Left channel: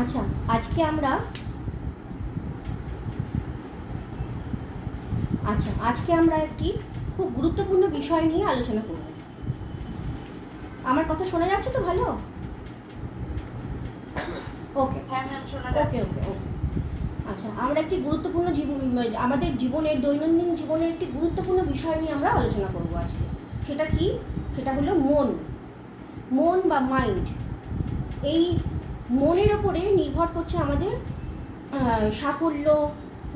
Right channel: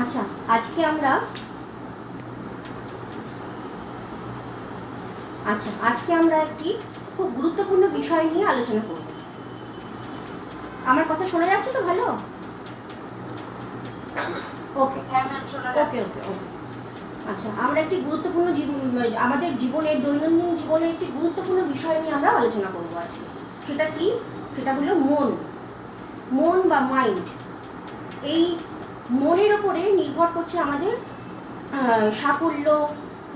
আচ্ছা, আজকে আমরা একটি খুব গুরুত্বপূর্ণ বিষয় নিয়ে আলোচনা করব। আমার কথা শোনা যাচ্ছে তো ভালো? ওকে ওকে ওকে ওকে। আচ্ছা, আমরা একটি গুরুত্বপূর্ণ আমাদের জীবনের দৈনন্দিন জীবনের একটি গুরুত্বপূর্ণ বিষয় নিয়ে আমরা আলোচনা করব আজকে। সেটা কি? সেটা হলো মন বা মাইন্ড। এই মনের ওপরে নির্ভর করছে আমাদের সাফল্য,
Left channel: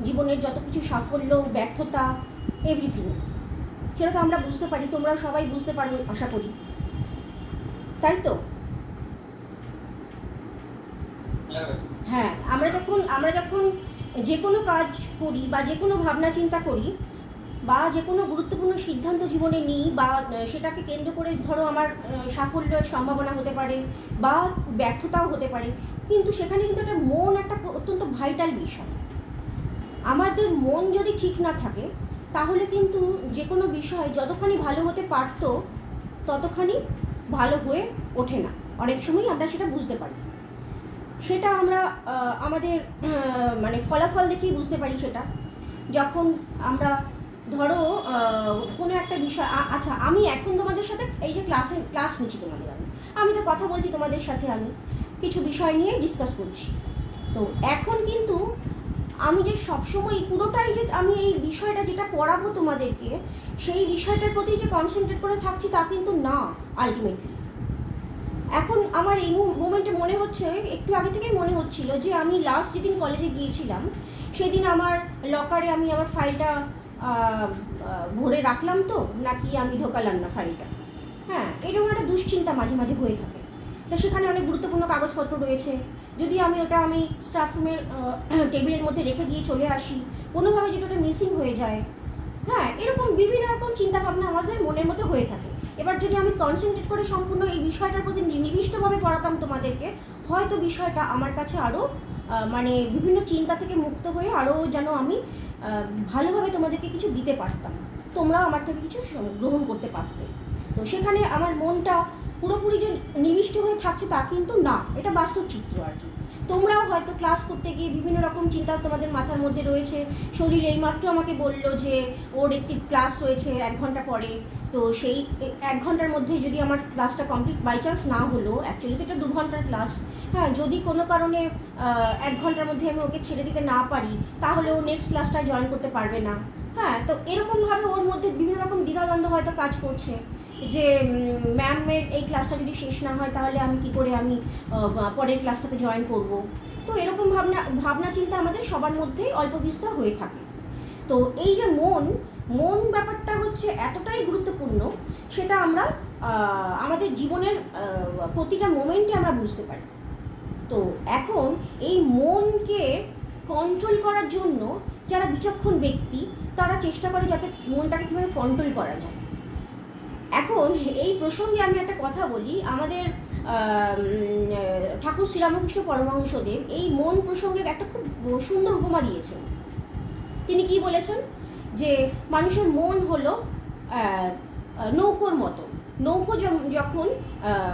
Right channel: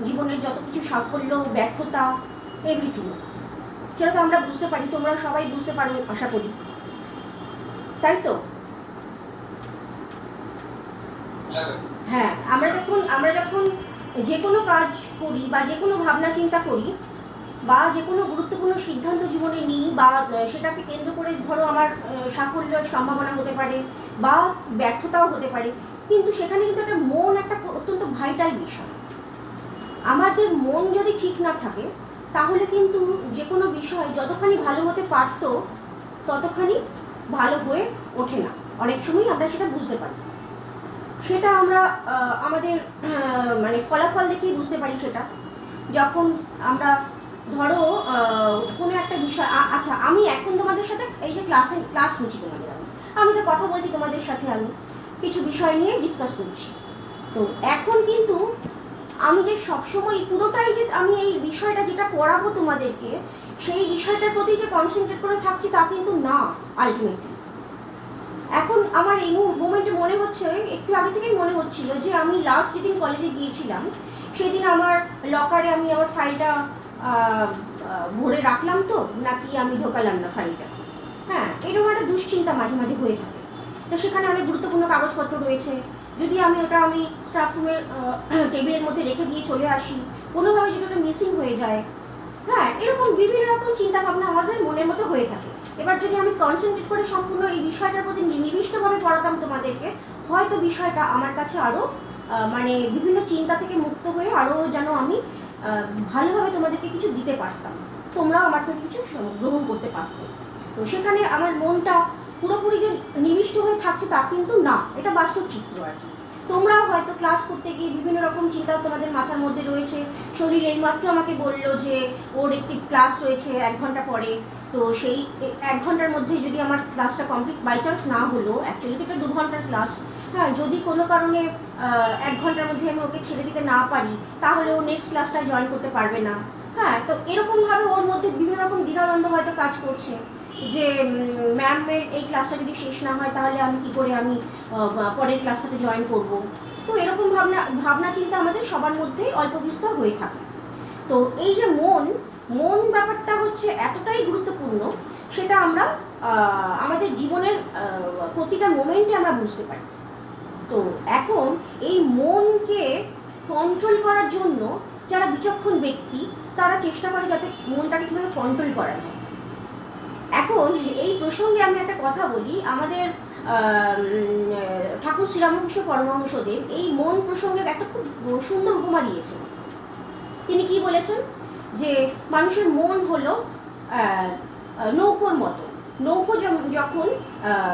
জীবনের যত কিছু সাফল্য, ব্যর্থতা, এভরিথিং। সেটা তো আমরা বুঝতে পারি, তোমরা সবাই বুঝতে পারো আশা করি, তাই তো? হ্যাঁ, আমরা যখন যে কোনো কাজ করি বা যে কোনো ভাবনা চিন্তা করি বা যে কোনো গুরুত্বপূর্ণ সিদ্ধান্ত জীবনে নিই বা সেটাকে কেন্দ্র করে ধরো আমার সাফল্যের সম্ভাবনা হতে পারে বা ব্যর্থতাও হতে পারে, কিন্তু সেখানে কিন্তু একটা মন একটা অত্যন্ত ভাইটাল বিষয়। আমাদের মন যদি ঠিক না থাকে তাহলে কিন্তু যে কোনো বিষয় যতখানি ভালো হতে পারত ততখানি ভালো হয়ে ওঠে না। অনেক সময়ই আমরা সেটা বুঝতে পারি, সেটা আমরা আমাদের মানে ফলাফল দেখেই বুঝতে পারি। সেটা যখন আমরা ধরো কোনো একটা বিষয়, আচ্ছা আমি এখন তোমাদের সাথে এই যে ক্লাস নিচ্ছি তোমাদের, আমি তো কথা বলছি তোমাদের সাথে, আমি কিছু বিষয় নিয়ে ডিসকাস করছি। তো এখন কিন্তু আমি যে সবসময় পুরোটাই যে আমি এই বিষয়টা যেটা পড়াবো তোমাদেরকে সেই বিষয়টার প্রতি যে কনসেন্ট্রেট করে থাকছি তা কিন্তু না। আলটিমেটলি এখন আমার এই মোমেন্টে মনে হচ্ছে, একটু আগে থেকেই মনে হচ্ছিল যে আমি লাস্ট যেদিন কলেজে গিয়েছিলাম সেদিন আমার লকারে আমি আমার ফাইলটা ভরে রাখলাম তো নাকি আমি ঢোকালাম না ফাইলটা। হ্যাঁ, এরকম একটা দুশ্চিন্তা মাঝে মাঝে হয়ে থাকে। তো সেখানে অনেক গুরুত্বপূর্ণ কাগজপত্র রয়েছে, যদি আমি ওটা স্টাফ রুমের টেবিলের মধ্যে রেখে দিয়ে চলে আসি, কোনোভাবে যদি ওটা মিসিং হয়ে যায়, হ্যাঁ এরকম বিভিন্ন রকম চিন্তা ভাবনা আমাদের মনের মতো হয়ে থাকে। এবার যদি আমি কনসেন্ট্রেট করে সম্পূর্ণ এই বিষয়টার প্রতি নিবিষ্টভাবে পড়াতাম তোমাদেরকে, হয়তো বিষয়টা আমার কাছে আরও মানে বিভিন্ন চিন্তা থেকে মুক্ত হয়ে আরও যেন আমি ভালোভাবে তোমাদেরকে কিছু দিতে পারতাম, তোমরাও আমার থেকে কিছু গ্রহণ করতে পারতে। তো সেখানে আমার মনটা পুরোপুরি যে নিবিষ্ট হয়ে থাকছে তা কিন্তু না, এটা বাস্তব চিত্র আর কি। তোমরাও হয়তো ক্লাস করতে গিয়ে বিভিন্ন রকম চিন্তা তোমাদের মাথার মধ্যে রয়েছে। শরীর এইমাত্র আমাকে বললো যে ওর একটি ক্লাস রয়েছে 1 ঘন্টা পরে, তো সেই 1 ঘন্টার মধ্যে যদি আমার ক্লাসটা কমপ্লিট বাই চান্স না হলো, অ্যাকচুয়ালি তো এটা 2 ঘন্টার ক্লাস, হ্যাঁ যদি কোনো কারণে 1 ঘন্টার মধ্যে আমি ওকে ছেড়ে দিতে না পারি তাহলে ও নেক্সট ক্লাসটায় জয়েন করতে পারবে না। হ্যাঁ, তো এরকমভাবে ওর মধ্যে বিভিন্ন রকম দ্বিধাদ্বন্দ্ব হয়তো কাজ করছে যে ম্যামের এই ক্লাসটা যদি শেষ না হয় তাহলে আমি কী করে আমি পরের ক্লাসটাতে জয়েন করব। তো এরকম ভাবনা চিন্তা আমাদের সবার মধ্যেই অল্প বিস্তর হয়ে থাকে। তো এই যে মন ব্যাপারটা হচ্ছে এতটাই গুরুত্বপূর্ণ, সেটা আমরা আমাদের জীবনের প্রতিটা মোমেন্টে আমরা বুঝতে পারি। তো এখন এই মনকে কন্ট্রোল করার জন্য যারা বিচক্ষণ ব্যক্তি তারা চেষ্টা করে যাতে মনটাকে কীভাবে কন্ট্রোল করা যায়। এখন এই প্রসঙ্গে আমি একটা কথা বলি, আমাদের ঠাকুর শ্রীরামকৃষ্ণ পরমহংসদেব এই মন প্রসঙ্গে একটা খুব সুন্দর উপমা দিয়েছেন। তিনি কি বলেছেন যে মানুষের মন হলো নৌকোর মতো। নৌকো যখন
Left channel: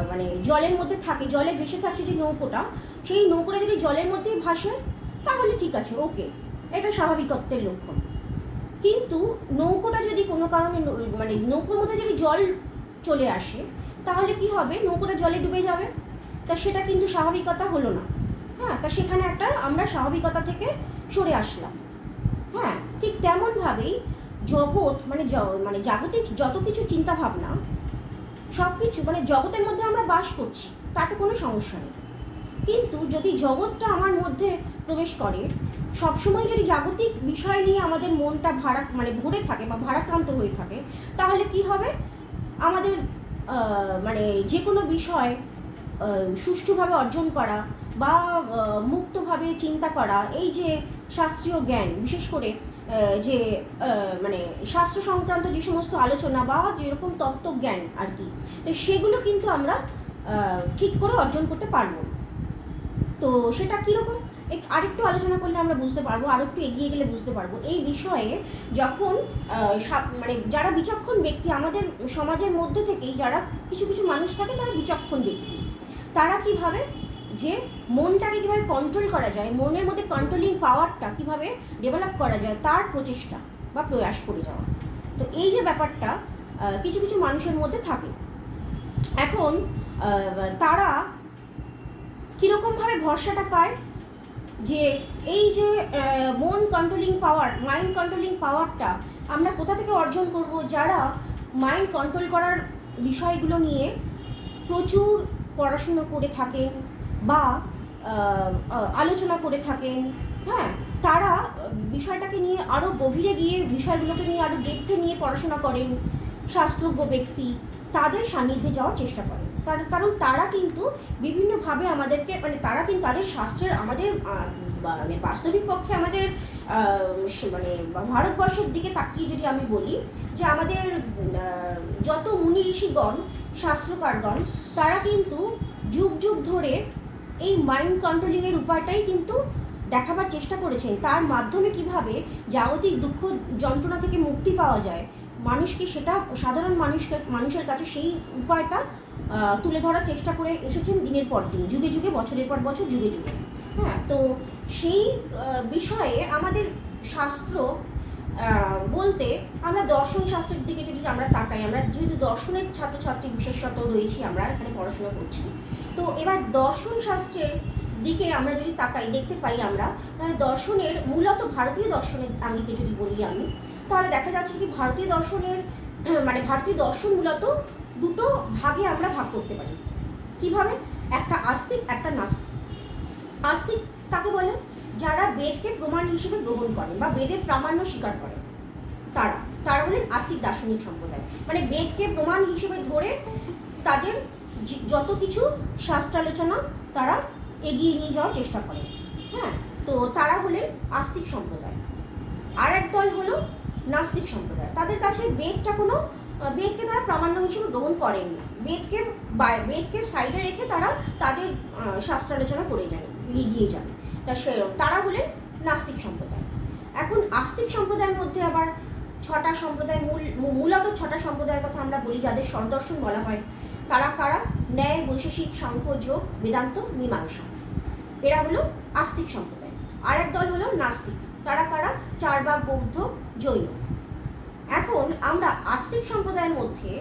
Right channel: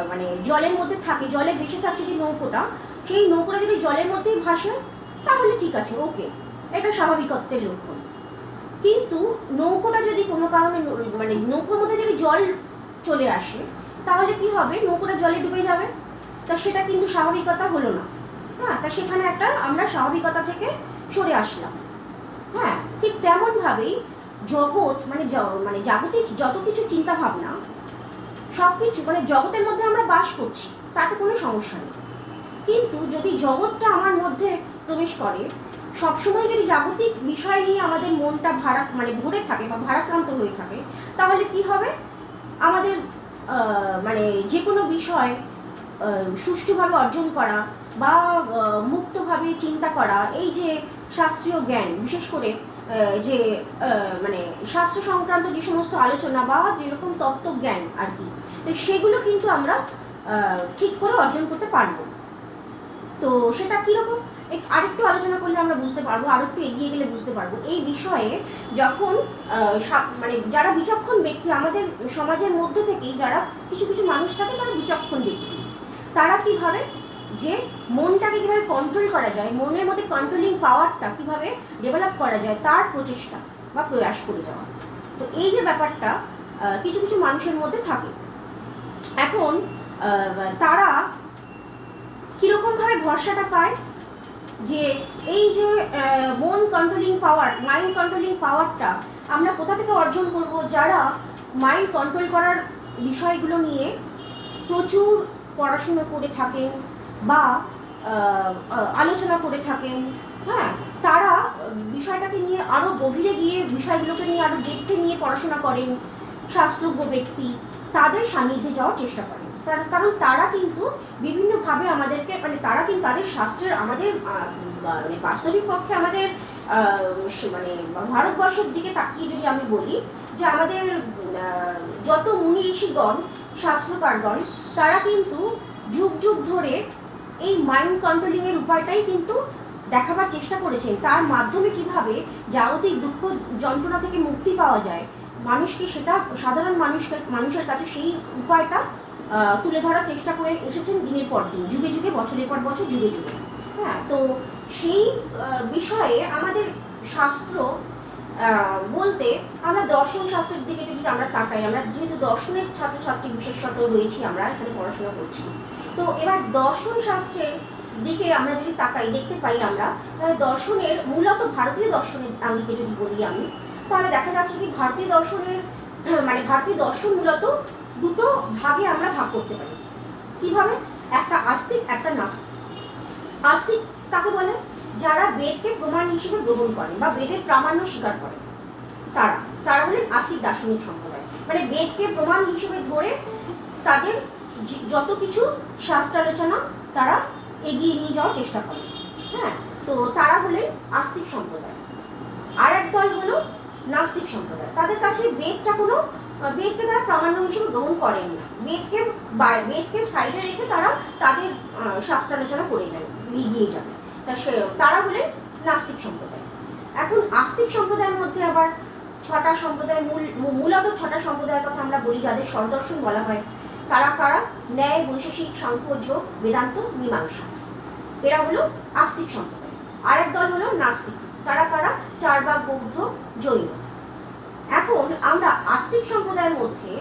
মানে জলের মধ্যে থাকে, জলে ভেসে থাকছে যে নৌকোটা, সেই নৌকোটা যদি জলের মধ্যেই ভাসে তাহলে ঠিক আছে, ওকে, এটা স্বাভাবিকত্বের লক্ষণ। কিন্তু নৌকোটা যদি কোনো কারণে মানে নৌকোর মধ্যে যদি জল চলে আসে তাহলে কি হবে, নৌকোটা জলে ডুবে যাবে, তা সেটা কিন্তু স্বাভাবিকতা হলো না। হ্যাঁ, তা সেখানে একটা আমরা স্বাভাবিকতা থেকে সরে আসলাম। হ্যাঁ, ঠিক তেমনভাবেই জগৎ মানে জাগতিক যত কিছু চিন্তা ভাবনা সব কিছু মানে জগতের মধ্যে আমরা বাস করছি, তাতে কোনো সমস্যা নেই। কিন্তু যদি জগৎটা আমার মধ্যে প্রবেশ করে, সবসময় যদি জাগতিক বিষয় নিয়ে আমাদের মনটা ভরে থাকে বা ভারাক্রান্ত হয়ে থাকে, তাহলে কি হবে, আমাদের মানে যে কোনো বিষয় সুষ্ঠুভাবে অর্জন করা বা মুক্তভাবে চিন্তা করা, এই যে শাস্ত্রীয় জ্ঞান, বিশেষ করে যে মানে শাস্ত্র সংক্রান্ত যে সমস্ত আলোচনা বা যেরকম তত্ত্বজ্ঞান আর কি, তো সেগুলো কিন্তু আমরা ঠিক করে অর্জন করতে পারবো। তো সেটা কীরকম আরেকটু আলোচনা করলে আমরা বুঝতে পারবো, আর একটু এগিয়ে গেলে বুঝতে পারবো। এই বিষয়ে যখন মানে যারা বিচক্ষণ ব্যক্তি আমাদের সমাজের মধ্যে থেকেই যারা কিছু কিছু মানুষ থাকে তারা বিচক্ষণ ব্যক্তি, তারা কীভাবে যে মনটাকে কীভাবে কন্ট্রোল করা যায়, মনের মধ্যে কন্ট্রোলিং পাওয়ারটা কীভাবে ডেভেলপ করা যায় তার প্রচেষ্টা বা প্রয়াস করে যাওয়া। তো এই যে ব্যাপারটা কিছু কিছু মানুষের মধ্যে থাকে। এখন তারা কীরকমভাবে ভরসাটা পায় যে এই যে মন কন্ট্রোলিং পাওয়ার, মাইন্ড কন্ট্রোলিং পাওয়ারটা আমরা কোথা থেকে অর্জন করব? যারা মাইন্ড কন্ট্রোল করার বিষয়গুলো নিয়ে প্রচুর পড়াশোনা করে থাকেন বা আলোচনা করে থাকেন, হ্যাঁ, তারা বিষয়টাকে নিয়ে আরও গভীরে গিয়ে বিষয়গুলোকে নিয়ে আরও দেখতে নিয়ে পড়াশোনা করেন, শাস্ত্রজ্ঞ ব্যক্তি, তাদের সান্নিধ্যে যাওয়ার চেষ্টা করেন। তার কারণ তারা কিন্তু বিভিন্নভাবে আমাদেরকে, মানে তারা কিন্তু তাদের শাস্ত্রের আমাদের মানে বাস্তবিক পক্ষে আমাদের মানে ভারতবর্ষের দিকে তাকিয়ে যদি আমি বলি যে আমাদের যত মুনি ঋষিগণ, শাস্ত্রকারগণ, তারা কিন্তু যুগ যুগ ধরে এই মাইন্ড কন্ট্রোলিংয়ের উপায়টাই কিন্তু দেখাবার চেষ্টা করেছেন। তার মাধ্যমে কিভাবে জাগতিক দুঃখ যন্ত্রণা থেকে মুক্তি পাওয়া যায়, মানুষকে সেটা সাধারণ মানুষের কাছে সেই উপায়টা তুলে ধরার চেষ্টা করে এসেছেন দিনের পর দিন, যুগে যুগে, বছরের পর বছর, যুগে যুগে। হ্যাঁ, তো সেই বিষয়ে আমাদের শাস্ত্র বলতে আমরা দর্শন শাস্ত্রের দিকে যদি আমরা তাকাই, আমরা যেহেতু দর্শনের ছাত্রছাত্রী বিশেষত রয়েছি, আমরা এখানে পড়াশোনা করছি, তো এবার দর্শন শাস্ত্রের দিকে আমরা যদি তাকাই, দেখতে পাই আমরা তাহলে দর্শনের মূলত ভারতীয় দর্শনের আঙ্গিকে যদি বলি আমি, তাহলে দেখা যাচ্ছে কি ভারতীয় দর্শনের মানে ভারতীয় দর্শন মূলত দুটো ভাগে আমরা ভাগ করতে পারি। কিভাবে? একটা আস্তিক, একটা নাস্তিক। আস্তিক তাকে বলে যারা বেদকে প্রমাণ হিসেবে গ্রহণ করেন বা বেদের প্রামাণ্য স্বীকার করেন, তারা হলেন আস্তিক দার্শনিক সম্প্রদায়। মানে বেদকে প্রমাণ হিসেবে ধরে তাদের যত কিছু শাস্ত্রালোচনা তারা এগিয়ে নিয়ে যাওয়ার চেষ্টা করে। হ্যাঁ, তো তারা হলেন আস্তিক সম্প্রদায়। আর এক দল হলো নাস্তিক সম্প্রদায়। তাদের কাছে বেদকে তারা প্রামাণ্য হিসেবে গ্রহণ করেন না, বেদকে সাইডে রেখে তারা তাদের শাস্ত্রালোচনা করে যান, এগিয়ে যান। তারা হলেন নাস্তিক সম্প্রদায়। এখন আস্তিক সম্প্রদায়ের মধ্যে আবার ছটা সম্প্রদায়, মূলত ছটা সম্প্রদায়ের কথা আমরা বলি, যাদের স্বরদর্শন বলা হয়। তারা কারা? ন্যায়, বৈশেষিক, সাংখ্য, যোগ, বেদান্ত, মীমাংসা। এরা হলো আস্তিক সম্প্রদায়। আরেক দল হলো নাস্তিক। তারা কারা? চার্বাক, বৌদ্ধ, জৈন। এখন আমরা আস্তিক সম্প্রদায়ের মধ্যে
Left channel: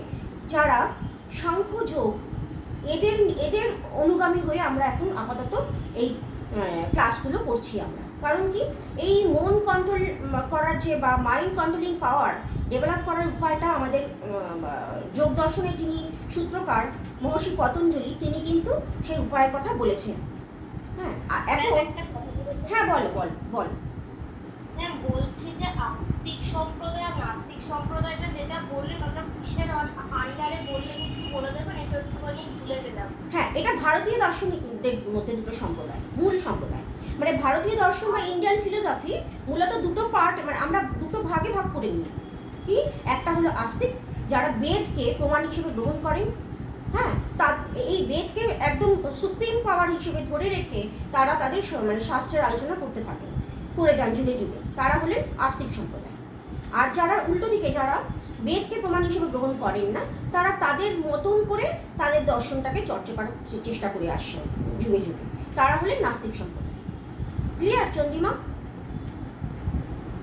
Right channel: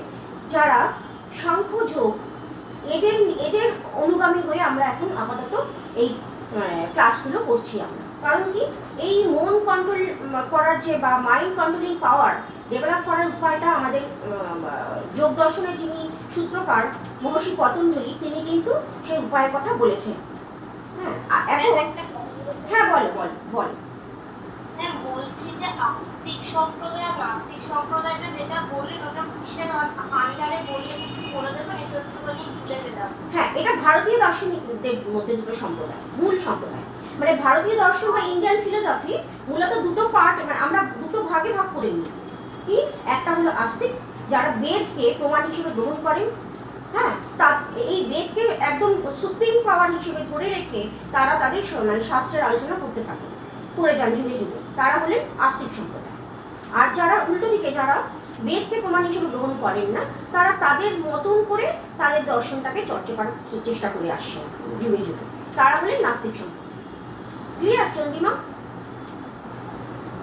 যারা সাংখ্য, যোগ, এদের অনুগামী হয়ে আমরা এখন আপাতত এই ক্লাসগুলো করছি আমরা। কারণ কি, এই মন কন্ট্রোল করার যে বা মাইন্ড কন্ট্রোলিং পাওয়ার ডেভেলপ করার উপায়টা আমাদের যোগ দর্শনের যিনি সূত্রকার মহর্ষি পতঞ্জলি, তিনি কিন্তু সেই উপায়ের কথা বলেছেন। হ্যাঁ, বল। বলছি যে আস্তিক সম্প্রদায় আর নাস্তিক সম্প্রদায়টা যেটা বললেন ওটা কিসের আন্ডারে বললেন একটু বলে দেবেন? এটা একটুখানি ভুলে গেলাম। হ্যাঁ, এটা ভারতীয় দার্শনিকদের মধ্যে দুটো সম্প্রদায়, মূল সম্প্রদায়। মানে ভারতীয় দর্শন বা ইন্ডিয়ান ফিলোসফি মূলত দুটো পার্ট, মানে আমরা দুটো ভাগে ভাগ করে নিই। কি? একটা হলো আস্তিক, যারা বেদকে প্রমাণ হিসেবে গ্রহণ করেন, হ্যাঁ, এই বেদকে একদম সুপ্রিম পাওয়ার হিসেবে ধরে রেখে তারা তাদের মানে শাস্ত্রের আলোচনা করে যান যুগে যুগে, তারা হলেন আস্তিক সম্প্রদায়। আর যারা উল্টো দিকে, যারা বেদকে প্রমাণ হিসেবে গ্রহণ করেন না, তারা তাদের মতন করে তাদের দর্শনটাকে চর্চা করার চেষ্টা করে আসছে যুগে যুগে, তারা হলেন নাস্তিক সম্প্রদায়। ক্লিয়ার চন্দ্রিমা?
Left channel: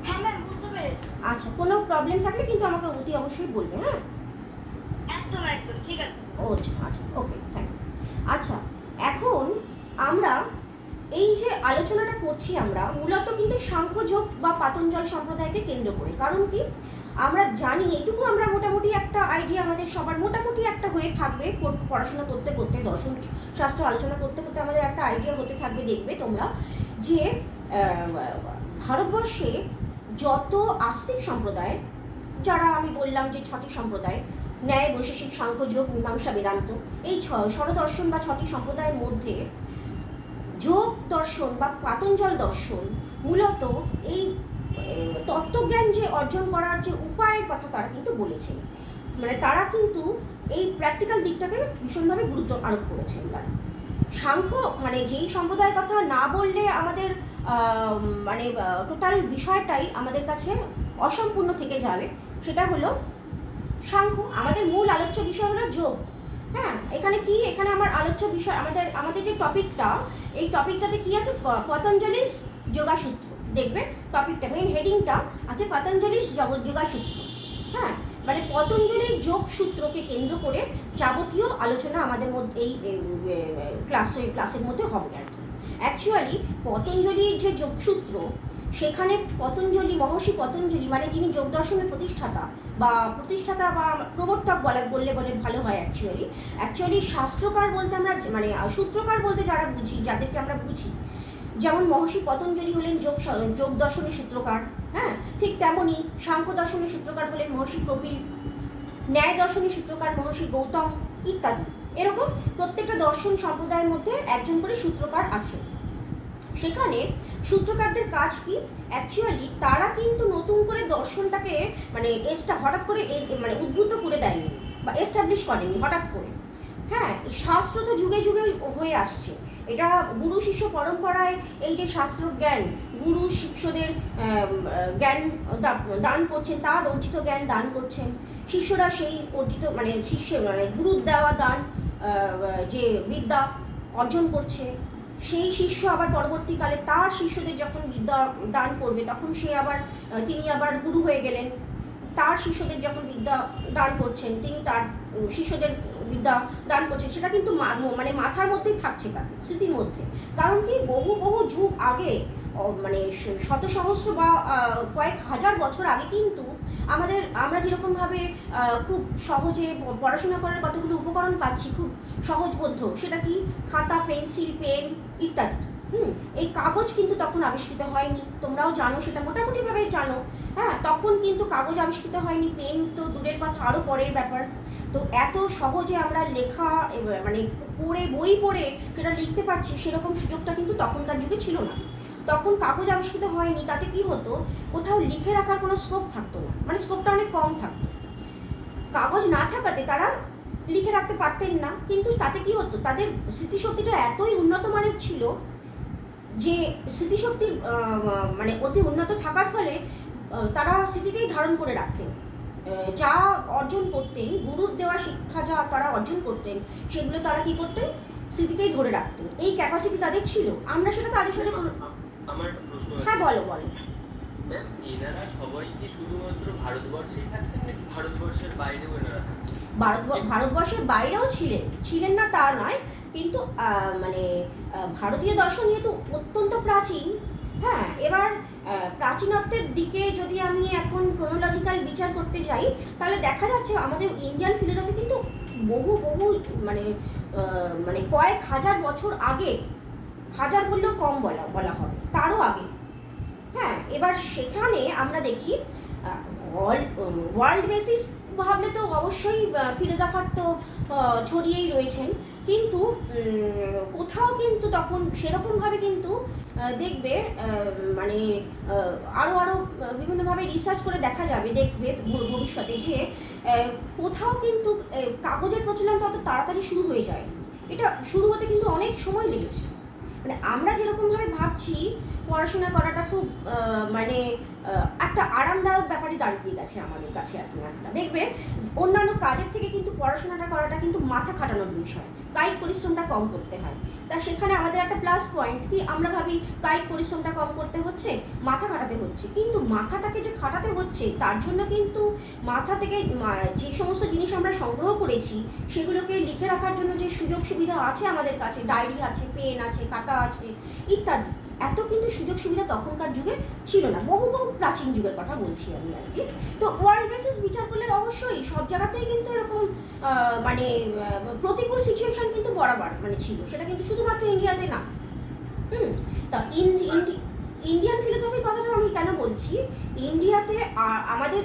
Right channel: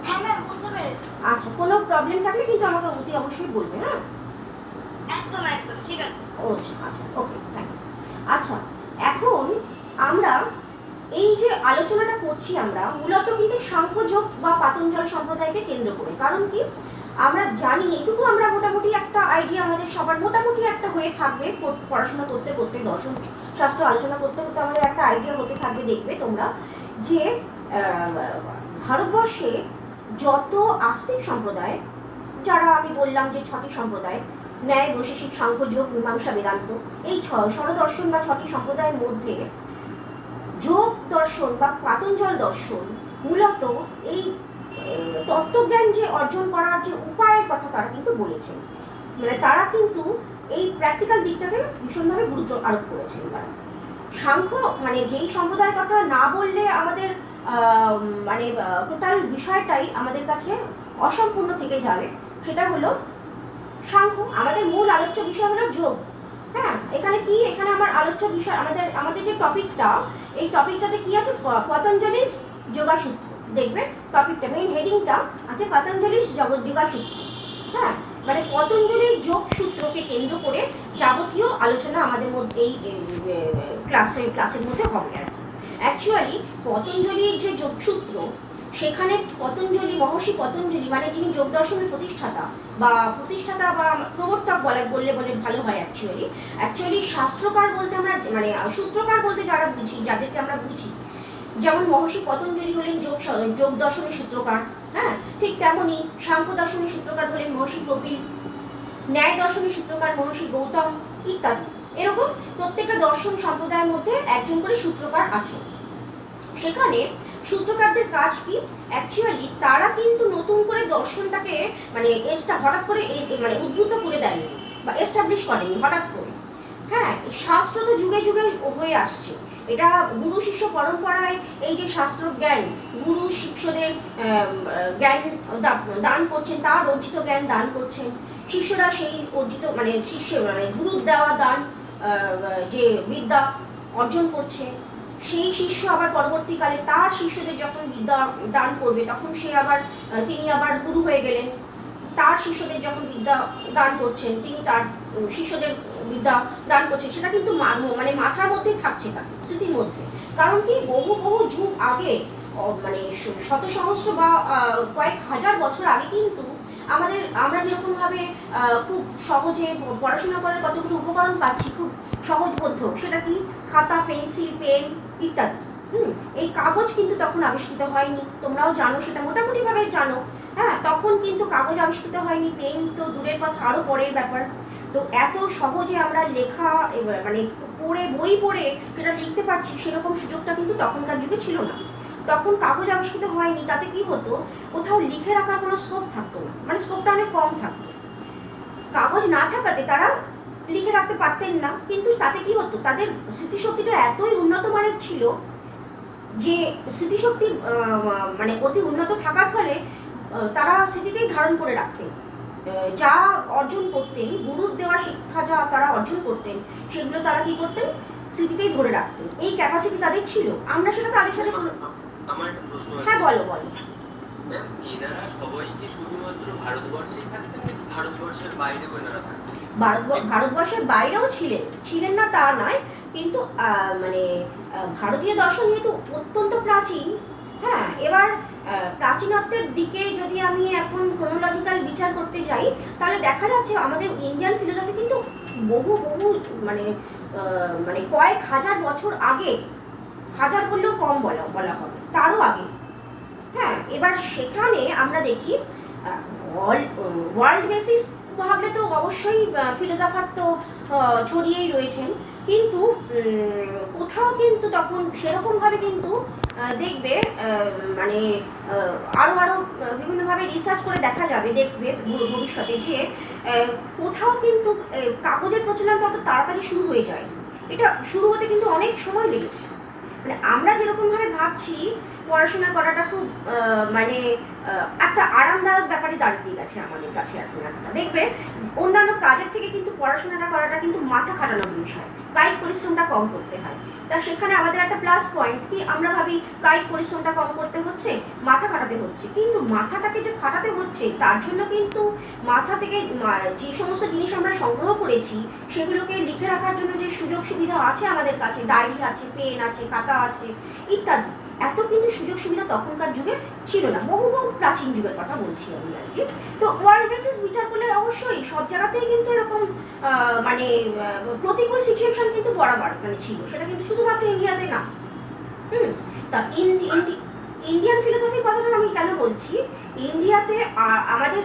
হ্যাঁ ম্যাম, বুঝতে পেরেছি। আচ্ছা, কোনো প্রবলেম থাকলে কিন্তু আমাকে অতি অবশ্যই বলবে। হ্যাঁ, একদম ঠিক আছে। আচ্ছা, ওকে, থ্যাংক ইউ। আচ্ছা, এখন আমরা এই যে আলোচনাটা করছি আমরা মূলত কিন্তু সাংখ্যযোগ বা পাতঞ্জল সম্প্রদায়কে কেন্দ্র করে। কারণ কি, আমরা জানি, এটুকু আমরা মোটামুটি একটা আইডিয়া আমাদের সবার মোটামুটি একটা হয়ে থাকবে, পড়াশোনা করতে করতে, দর্শন শাস্ত্র আলোচনা করতে করতে আমাদের একটা আইডিয়া হতে থাকবে। দেখবে তোমরা যে ভারতবর্ষে যত আস্তিক সম্প্রদায়, যারা আমি বললাম যে ছটি সম্প্রদায়, ন্যায়, বৈশেষিক, সাংখ্য, যোগ, মীমাংসা, বেদান্ত, এই স্বরদর্শন বা ছটি সম্প্রদায়ের মধ্যে যোগ দর্শন বা পাতঞ্জল দর্শন মূলত এই তত্ত্বজ্ঞান যে অর্জন করার যে উপায়ের কথা তারা কিন্তু বলেছেন। মানে তারা কিন্তু এই প্র্যাকটিক্যাল দিকটাকে ভীষণভাবে গুরুত্ব আরোপ করেছেন। তারা সাংখ্য, মানে যেই সম্প্রদায়ের কথা না বললে আমাদের মানে টোটাল বিষয়টাই আমাদের কাছে অসম্পূর্ণ থেকে যাবে, সেটা হলো সাংখ্য। আমাদের মূল আলোচ্য বিষয় হলো যোগ। হ্যাঁ, এখানে কি এখানে আমার আলোচ্য বিষয়, আমাদের যে টপিকটা, এই টপিকটাতে কি আছে, পতঞ্জলিস যোগাসূত্র। দেখবে টপিকটা, মেইন হেডিংটা আছে পতঞ্জলিস যোগাসূত্র। হ্যাঁ, মানে পতঞ্জলির যোগসূত্রকে কেন্দ্র করে যাবতীয় আলোচনা আমাদের মধ্যে এই ক্লাসের মধ্যে হবে আর কি। অ্যাকচুয়ালি পতঞ্জলির যে যোগসূত্র, সেখানে পতঞ্জলি, মহর্ষি পতঞ্জলি মানে যিনি যোগ দর্শনের প্রতিষ্ঠাতা বা প্রবর্তক বললে ভালো হয়। অ্যাকচুয়ালি শাস্ত্রকার বলতে আমরা, মানে সূত্রকার বলতে যারা বুঝি, যাদেরকে আমরা বুঝি, যেমন মহর্ষি পতঞ্জলি হলেন যোগ দর্শনের সূত্রকার। হ্যাঁ, ঠিক তেমনই সাংখ্য দর্শনের সূত্রকার হলেন মহর্ষি কপিল, ন্যায় দর্শনের সূত্রকার মহর্ষি গৌতম ইত্যাদি। এরকম প্রত্যেকটা দর্শন সম্প্রদায়ের মধ্যে একজন করে সূত্রকার আছে। সেখানে সূত্রকারদের কাজ কি, অ্যাকচুয়ালি তারা কিন্তু নতুন করে দর্শনটাকে মানে হঠাৎ করে মানে উদ্ভূত করে দেয়নি বা এস্টাবলিশ করেনি হঠাৎ করে। হ্যাঁ, শাস্ত্র তো যুগে যুগে হয়ে আসছে। এটা গুরু শিষ্য পরম্পরায় এই যে শাস্ত্র জ্ঞান, গুরু শিষ্যদের জ্ঞান দান করছেন, তার অর্জিত জ্ঞান দান করছেন, শিষ্যরা সেই অর্জিত মানে গুরুর দেওয়া দান যে বিদ্যা অর্জন করছে, সেই শিষ্য আবার পরবর্তীকালে তার শিষ্যদের যখন বিদ্যা দান করবে, তখন তিনি আবার গুরু হয়ে গেলেন। তার শিষ্যদের যখন বিদ্যা দান করছেন, তিনি তার শিষ্যদের বিদ্যা দান করছেন। সেটা কিন্তু মানে মাথার মধ্যেই থাকছে, তার স্মৃতির মধ্যে। কারণ কি, বহু বহু যুগ আগে, মানে শত সহস্র বা কয়েক হাজার বছর আগে কিন্তু আমরা যেরকম ভাবে খুব সহজে পড়াশোনা করার কতগুলো উপকরণ পাচ্ছি, খুব সহজবোধ্য, সেটা কি, খাতা, পেন্সিল, পেন ইত্যাদি। এই কাগজ কিন্তু তখন আবিষ্কৃত হয়নি, তোমরাও জানো, সেটা মোটামুটি ভাবে জানো। হ্যাঁ, তখন কিন্তু কাগজ আবিষ্কৃত হয়নি, পেন তো দূরের কথা, আরো পরের ব্যাপার। তো এত সহজে আমরা লেখা মানে বই পড়ে সেটা লিখতে পারছি, সেরকম সুযোগটা কিন্তু তখনকার যুগে ছিল না। তখন কাগজ আবিষ্কৃত হয়নি, তাতে কি হতো, কোথাও লিখে রাখার কোনো স্কোপ থাকতো না, মানে স্কোপটা অনেক কম থাকতো। কাগজ না থাকাতে তারা লিখে রাখতে পারতেন না, কিন্তু তাতে কি হতো, তাদের স্মৃতিশক্তিটা এতই উন্নত মানের ছিল যে স্মৃতিশক্তি মানে অতি উন্নত থাকার ফলে তারা স্মৃতিতেই ধারণ করে রাখতেন। যা অর্জন করতেন, গুরুর দেওয়া শিক্ষা যা তারা অর্জন করতেন, সেগুলো তারা কি করতেন, স্মৃতিতেই ধরে রাখতেন। এই ক্যাপাসিটি তাদের ছিল। আমরা সেটা তাদের সাথে। আমার একটা প্রশ্ন আছে। হ্যাঁ, বলো। এনারা সবাই কি শুধুমাত্র ভারতবর্ষে থাকতেন নাকি ভারতবর্ষের বাইরেও এনারা থাকতেন? ভারতবর্ষের বাইরেও ছিলেন না তা নয়, কিন্তু মানে ভারতীয় দর্শন যেহেতু অত্যন্ত প্রাচীন। হ্যাঁ, এবার প্রাচীনত্বের দিকে যদি আমি এখন ক্রোনোলজিক্যাল বিচার করতে যাই, তাহলে দেখা যাচ্ছে আমাদের ইন্ডিয়ান ফিলোসফি কিন্তু বহু বহু মানে কয়েক হাজার বছর আগে, হাজার বললেও কম বলা হবে, তারও আগে। হ্যাঁ, এবার সেখানে আমরা দেখি ওয়ার্ল্ড বেসিস ভাবলে তো অবশ্যই ফিলোসফার তো ছড়িয়েই রয়েছেন, কিন্তু কোথাও কিন্তু তখন সেরকমভাবে কিন্তু দেখবে মানে আরও বিভিন্নভাবে রিসার্চ করে দেখা যাবে, দেখবে ভবিষ্যতে যে কোথাও কিন্তু কাগজের প্রচলনটা অত তাড়াতাড়ি শুরু হয়ে যায়। এটা শুরু হতে কিন্তু অনেক সময় লেগেছে। মানে আমরা যেরকমভাবে ভাবছি পড়াশোনা করাটা খুব মানে একটা আরামদায়ক ব্যাপারই দাঁড়িয়ে গেছে আমাদের কাছে এখন একটা। দেখবে অন্যান্য কাজের থেকে কিন্তু পড়াশোনাটা করাটা কিন্তু মাথা খাটানোর বিষয়, কায়িক পরিশ্রমটা কম করতে হয়। তা সেখানে আমাদের একটা প্লাস পয়েন্ট কি, আমরা ভাবি কায়িক পরিশ্রমটা কম করতে হচ্ছে, মাথা খাটাতে হচ্ছে, কিন্তু মাথাটাকে যে খাটাতে হচ্ছে তার জন্য কিন্তু মাথা থেকে যে সমস্ত জিনিস আমরা সংগ্রহ করেছি সেগুলোকে লিখে রাখার জন্য যে সুযোগ সুবিধা আছে আমাদের কাছে, ডায়েরি আছে, পেন আছে, খাতা আছে ইত্যাদি, এত কিন্তু সুযোগ সুবিধা তখনকার যুগে ছিল না। বহু বহু প্রাচীন যুগের কথা বলছি আমি আর কি। তো ওয়ার্ল্ড বেসিস বিচার করলে অবশ্যই সব জায়গাতেই কিন্তু এরকম মানে প্রতিকূল সিচুয়েশন কিন্তু বরাবর মানে ছিল, সেটা কিন্তু শুধুমাত্র ইন্ডিয়াতে না। তা ইন্ডিয়ান ফিলোসফির কথাটা আমি কেন বলছি, ইন্ডিয়াতে আমাদের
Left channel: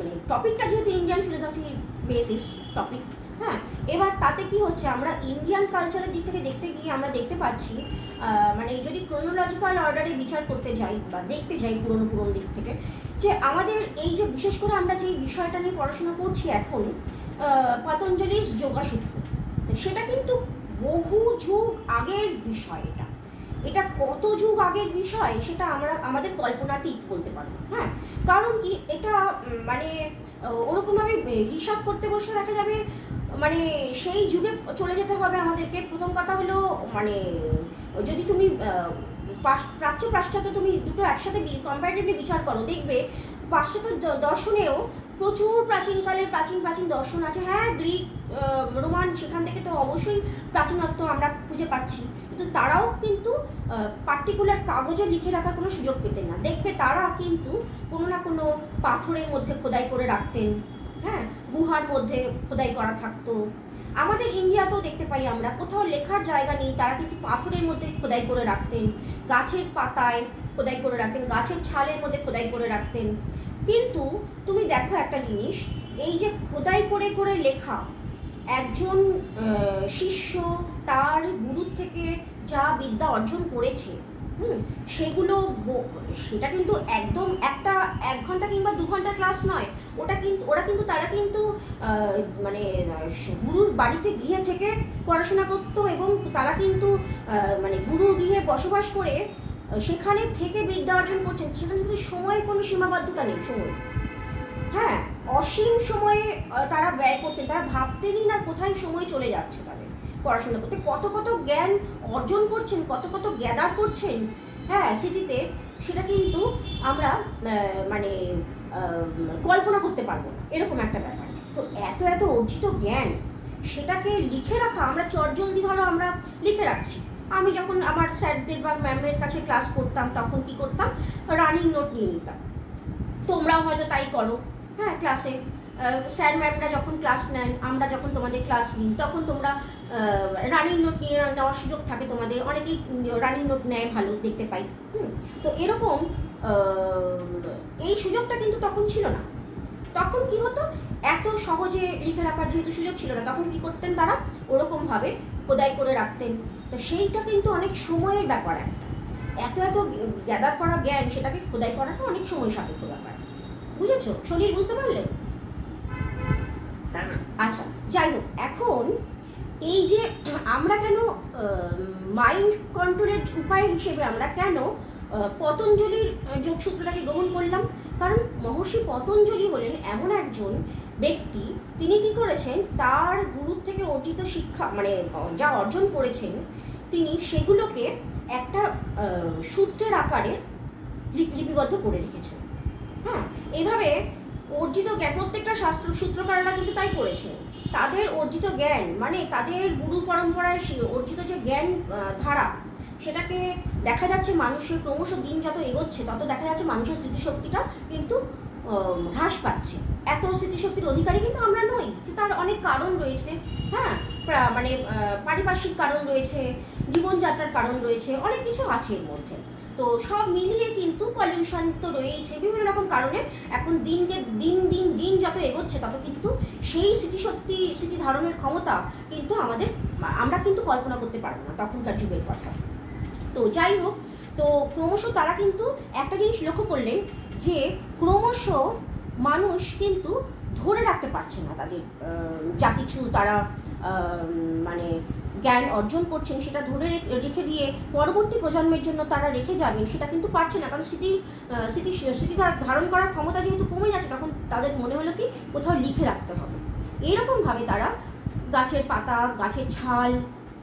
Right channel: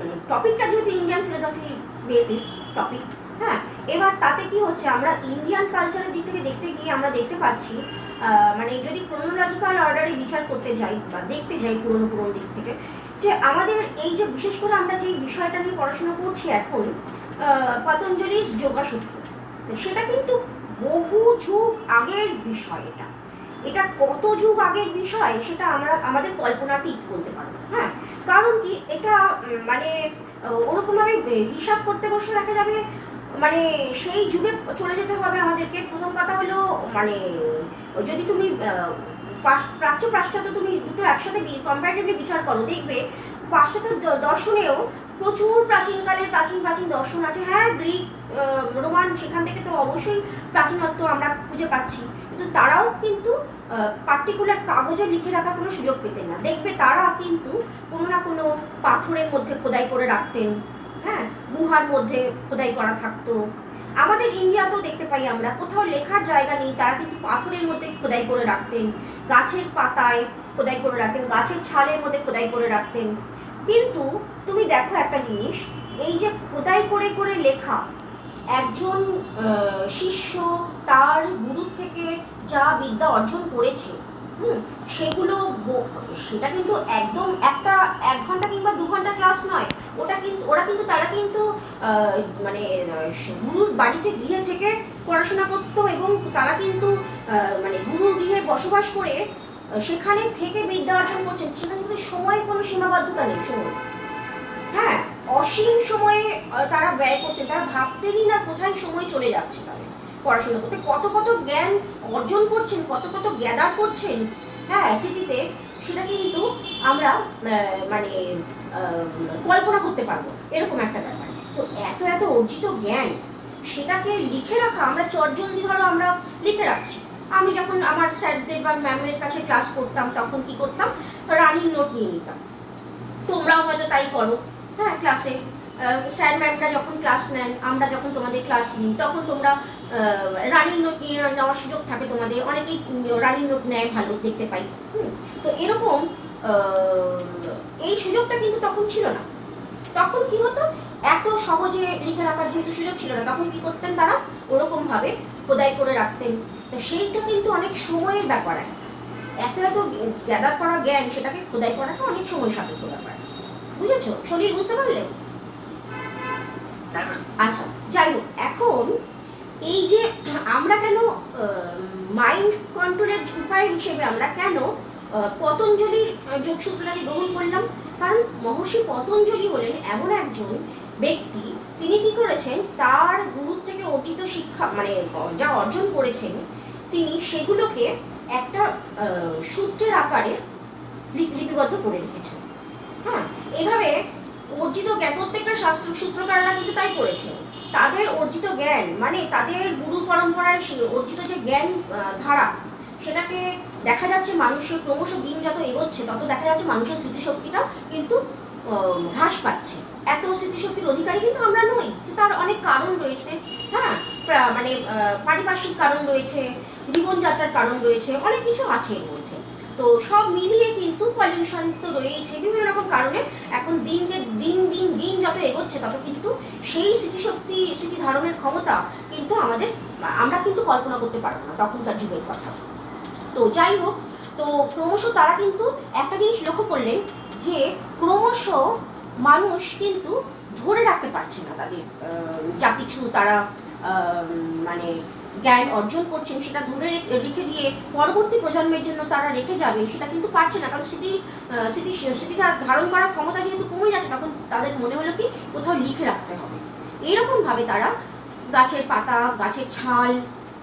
মানে টপিকটা যেহেতু ইন্ডিয়ান ফিলোসফির বেসিস টপিক। হ্যাঁ, এবার তাতে কি হচ্ছে, আমরা ইন্ডিয়ান কালচারের দিক থেকে দেখতে গিয়ে আমরা দেখতে পাচ্ছি, মানে যদি ক্রোনোলজিক্যাল অর্ডারে বিচার করতে যাই বা দেখতে যাই পুরনো দিক থেকে, যে আমাদের এই যে বিশেষ করে আমরা যে বিষয়টা নিয়ে পড়াশোনা করছি এখন, পতঞ্জলির যোগাসূত্র, সেটা কিন্তু বহু যুগ আগের বিষয়। এটা কত যুগ আগের বিষয় সেটা আমাদের কল্পনাতীত বলতে পারবো। হ্যাঁ, কারণ কি, এটা মানে ওরকমভাবে হিসাব করতে বসে দেখা যাবে মানে সেই যুগে চলে যেতে হবে আমাদেরকে। প্রথম কথা হলো মানে যদি তুমি প্রাচ্য পাশ্চাত্য তুমি দুটো একসাথে কম্পারেটিভলি বিচার করো, দেখবে পাশ্চাত্য দর্শনেও প্রচুর প্রাচীনকালের প্রাচীন প্রাচীন দর্শন আছে। হ্যাঁ, গ্রিক রোমান, সেখান থেকে তো অবশ্যই প্রাচীনত্ব আমরা খুঁজে পাচ্ছি, কিন্তু তারাও কিন্তু পার্টিকুলার কাগজে লিখে রাখার কোনো সুযোগ পেতেন না। দেখবে তারা কিন্তু কোনো না কোনো পাথরের মধ্যে খোদাই করে রাখতেন, হ্যাঁ, গুহার মধ্যে খোদাই করা থাকতো। আমাদের ইন্ডিয়াতেও দেখতে পাই আমরা, কোথাও লেখার জায়গা নেই, তারা কিন্তু পাথরের মধ্যে খোদাই করে রাখতেন, গাছের পাতায় খোদাই করে রাখতেন, গাছের ছালের মধ্যে খোদাই করে রাখতেন। কিন্তু তুমি দেখো একটা জিনিস, এই যে খোদাই করে করে লেখা, একজন শিষ্য তার গুরুর থেকে যা বিদ্যা অর্জন করেছে, সেগুলো সেটা কিন্তু একদম একটা 1 ঘন্টা কিংবা 2 ঘন্টা ক্লাস নয়। তারা কিন্তু মানে গুরুর বাড়িতে গৃহে থেকে পড়াশোনা করতো, এবং তারা কিন্তু মানে গুরুর গৃহে বসবাস করে সেখানে থেকে বিদ্যা অর্জন করছেন। সেখানে কিন্তু সময়ের কোনো সীমাবদ্ধতা নেই, সময়, হ্যাঁ, অসীম সময়ে তারা ব্যয় করতেন। তারা ভাবতেনই না কোথায় সময় চলে যাচ্ছে তাদের পড়াশোনা করতে, কত কত জ্ঞান অর্জন করছেন, কত কত গ্যাদার করছেন, হ্যাঁ, স্মৃতিতে। সেটা কিন্তু আমরা মানে কল্পনা করতে পারবো, এরকম একটা ব্যাপার। তো এত এত অর্জিত জ্ঞান, সেটাকে লিখে রাখা, আমরা চটজলদি ধরো আমরা লিখে রাখছি। আমি যখন আমার স্যারদের বা ম্যামের কাছে ক্লাস করতাম, তখন কি করতাম, রানিং নোট নিয়ে নিতাম। তোমরাও হয়তো তাই করো, হ্যাঁ, ক্লাসে স্যার ম্যামরা যখন ক্লাস নেন, আমরা যখন তোমাদের ক্লাস নিই, তখন তোমরা রানিং নোট নিয়ে নেওয়ার সুযোগ থাকে তোমাদের। অনেকেই রানিং নোট নেয়, ভালো দেখতে পাই। তো এরকম এই সুযোগটা কিন্তু তখন ছিল না। তখন কি হতো, এত সহজে লিখে রাখার যেহেতু সুযোগ ছিল না, তখন কি করতেন তারা, ওরকমভাবে খোদাই করে রাখতেন। তো সেইটা কিন্তু অনেক সময়ের ব্যাপার। এত এত গ্যাদার করা জ্ঞান, সেটাকে খোদাই করাটা অনেক সময় সাপেক্ষ ব্যাপার। বুঝেছো? শরীর বুঝতে পারলে? আচ্ছা, যাই হোক, এখন এই যে আমরা কেন মাইন্ড কন্ট্রোলের উপায় হিসেবে আমরা কেন পতঞ্জলির যোগসূত্রটাকে গ্রহণ করলাম, কারণ মহর্ষি পতঞ্জলি হলেন এমন একজন ব্যক্তি, তিনি কি করেছেন, তার গুরুর থেকে অর্জিত শিক্ষা মানে যা অর্জন করেছেন, তিনি সেগুলোকে একটা সূত্রের আকারে লিপিবদ্ধ করে রেখেছেন। হ্যাঁ, এইভাবে অর্জিত জ্ঞান, প্রত্যেকটা শাস্ত্র সূত্রকাররা কিন্তু তাই করেছে। তাদের অর্জিত জ্ঞান মানে তাদের গুরু পরম্পরায় অর্জিত যে জ্ঞান ধারা, সেটাকে দেখা যাচ্ছে মানুষের ক্রমশ দিন যত এগোচ্ছে, তত দেখা যাচ্ছে মানুষের স্মৃতিশক্তিটা কিন্তু হ্রাস পাচ্ছে। এত স্মৃতিশক্তির অধিকারী কিন্তু আমরা নই, তার অনেক কারণ রয়েছে। হ্যাঁ, মানে পারিপার্শ্বিক কারণ রয়েছে, জীবনযাত্রার কারণ রয়েছে, অনেক কিছু আছে এর মধ্যে। তো সব মিলিয়ে কিন্তু পলিউশন তো রয়েছে, বিভিন্ন রকম কারণে এখন দিন যত এগোচ্ছে, তত কিন্তু সেই স্মৃতি ধারণের ক্ষমতা কিন্তু আমরা কিন্তু কল্পনা করতে পারবো না তখনকার যুগের কথা। তো যাই হোক, তো ক্রমশ তারা কিন্তু একটা জিনিস লক্ষ্য করলেন যে ক্রমশ মানুষ কিন্তু ধরে রাখতে পারছে না তাদের যা কিছু তারা মানে জ্ঞান অর্জন করছেন, সেটা ধরে রেখে দিয়ে পরবর্তী প্রজন্মের জন্য তারা রেখে যাবে, সেটা কিন্তু পারছে না। কারণ স্মৃতি ধারণ করার ক্ষমতা যেহেতু কমে যাচ্ছে, তখন তাদের মনে হলো কি কোথাও লিখে রাখতে হবে। এইরকমভাবে তারা গাছের পাতা, গাছের ছাল,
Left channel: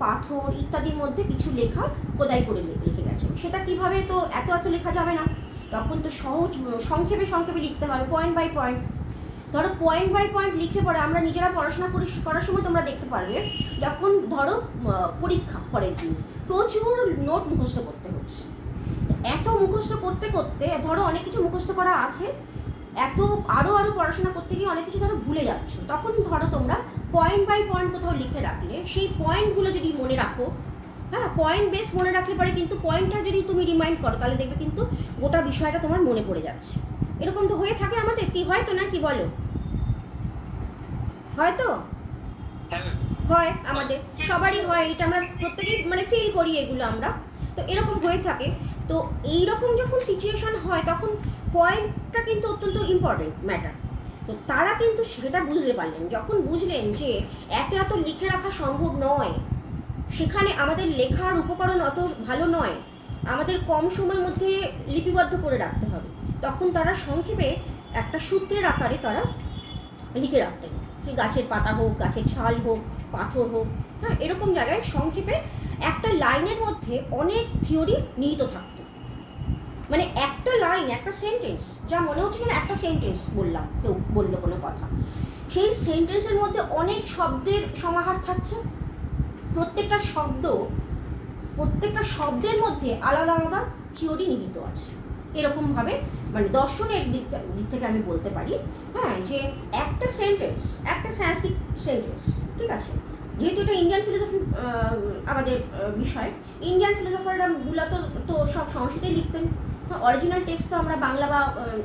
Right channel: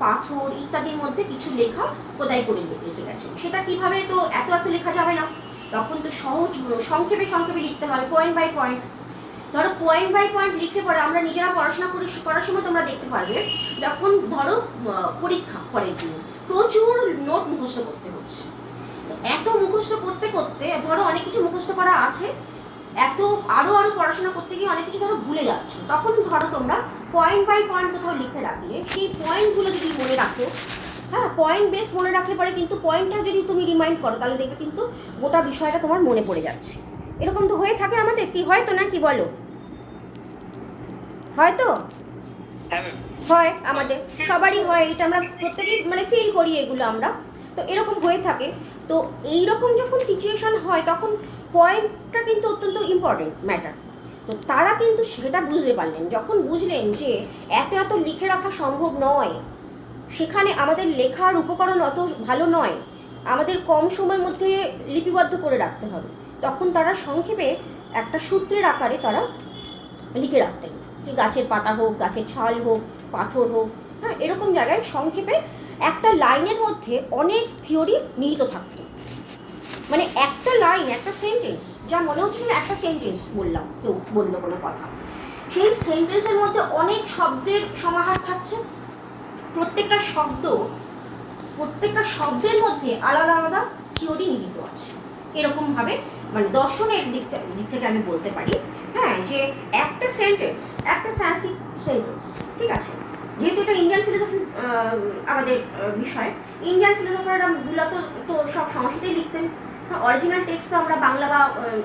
পাথর ইত্যাদির মধ্যে কিছু লেখা খোদাই করে লিখে গেছেন। সেটা কিভাবে, তো এত এত লেখা যাবে না, তখন তো সহজ সংক্ষেপে লিখতে হবে, পয়েন্ট বাই পয়েন্ট। ধরো পয়েন্ট বাই পয়েন্ট লিখতে পরে আমরা নিজেরা পড়াশোনা করার সময় তোমরা দেখতে পারবে, যখন ধরো পরীক্ষা পরের দিন প্রচুর নোট মুখস্থ করতে হচ্ছে। এত মুখস্থ করতে করতে ধরো অনেক কিছু মুখস্থ করা আছে, এত আরো পড়াশোনা করতে গিয়ে অনেক কিছু ধরো ভুলে যাচ্ছ, তখন ধরো তোমরা পয়েন্ট বাই পয়েন্ট কোথাও লিখে রাখলে, সেই পয়েন্টগুলো যদি মনে রাখো, হ্যাঁ, পয়েন্ট বেস মনে রাখলে পরে কিন্তু পয়েন্টটা যদি তুমি রিমাইন্ড করো, তাহলে দেখবে কিন্তু গোটা বিষয়টা তোমার মনে পড়ে যাচ্ছে। এরকম তো হয়ে থাকে আমাদের, কি হয় তো না, কি বলো? হয়তো হয়, আমাদের সবারই হয়, এটা আমরা প্রত্যেকেই মানে ফিল করি এগুলো আমরা। তো এরকম হয়ে থাকে। তো এইরকম যখন সিচুয়েশন হয়, তখন পয়েন্টটা কিন্তু অত্যন্ত ইম্পর্টেন্ট ম্যাটার। তো তারা কিন্তু সেটা বুঝতে পারলেন, যখন বুঝলেন যে এত লিখে রাখা সম্ভব নয়, সেখানে আমাদের লেখার উপকরণ অত ভালো নয়, আমাদের কম সময়ের মধ্যে লিপিবদ্ধ করে রাখতে হবে, তখন তারা সংক্ষেপে একটা সূত্রের আকারে তারা লিখে রাখতেন। কি গাছের পাতা হোক, গাছের ছাল হোক, পাথর হোক, হ্যাঁ, এরকম জায়গায় সংক্ষেপে একটা লাইনের মধ্যে অনেক থিওরি নিহিত থাকতো। মানে একটা লাইন, একটা সেন্টেন্স, যা মনে হচ্ছে না একটা সেন্টেন্স বললাম, কেউ বললো কোনো কথা, সেই সেন্টেন্সের মধ্যে অনেক শব্দের সমাহার থাকছে। প্রত্যেকটা শব্দের মধ্যে আলাদা আলাদা থিওরি নিহিত আছে। এরকমভাবে মানে দর্শনের দিক থেকে আমি বলতে পারি, হ্যাঁ, যে একটা সেন্টেন্স, একটা সংস্কৃত সেন্টেন্স, ঠিক আছে, যেহেতু এটা ইন্ডিয়ান ফিলোসফি আমাদের বিষয়, ইন্ডিয়ান ফিলোসফাররা মূলত তো সব সংস্কৃতেই লিখতেন। অরিজিনাল টেক্সট তো আমরা বাংলা বা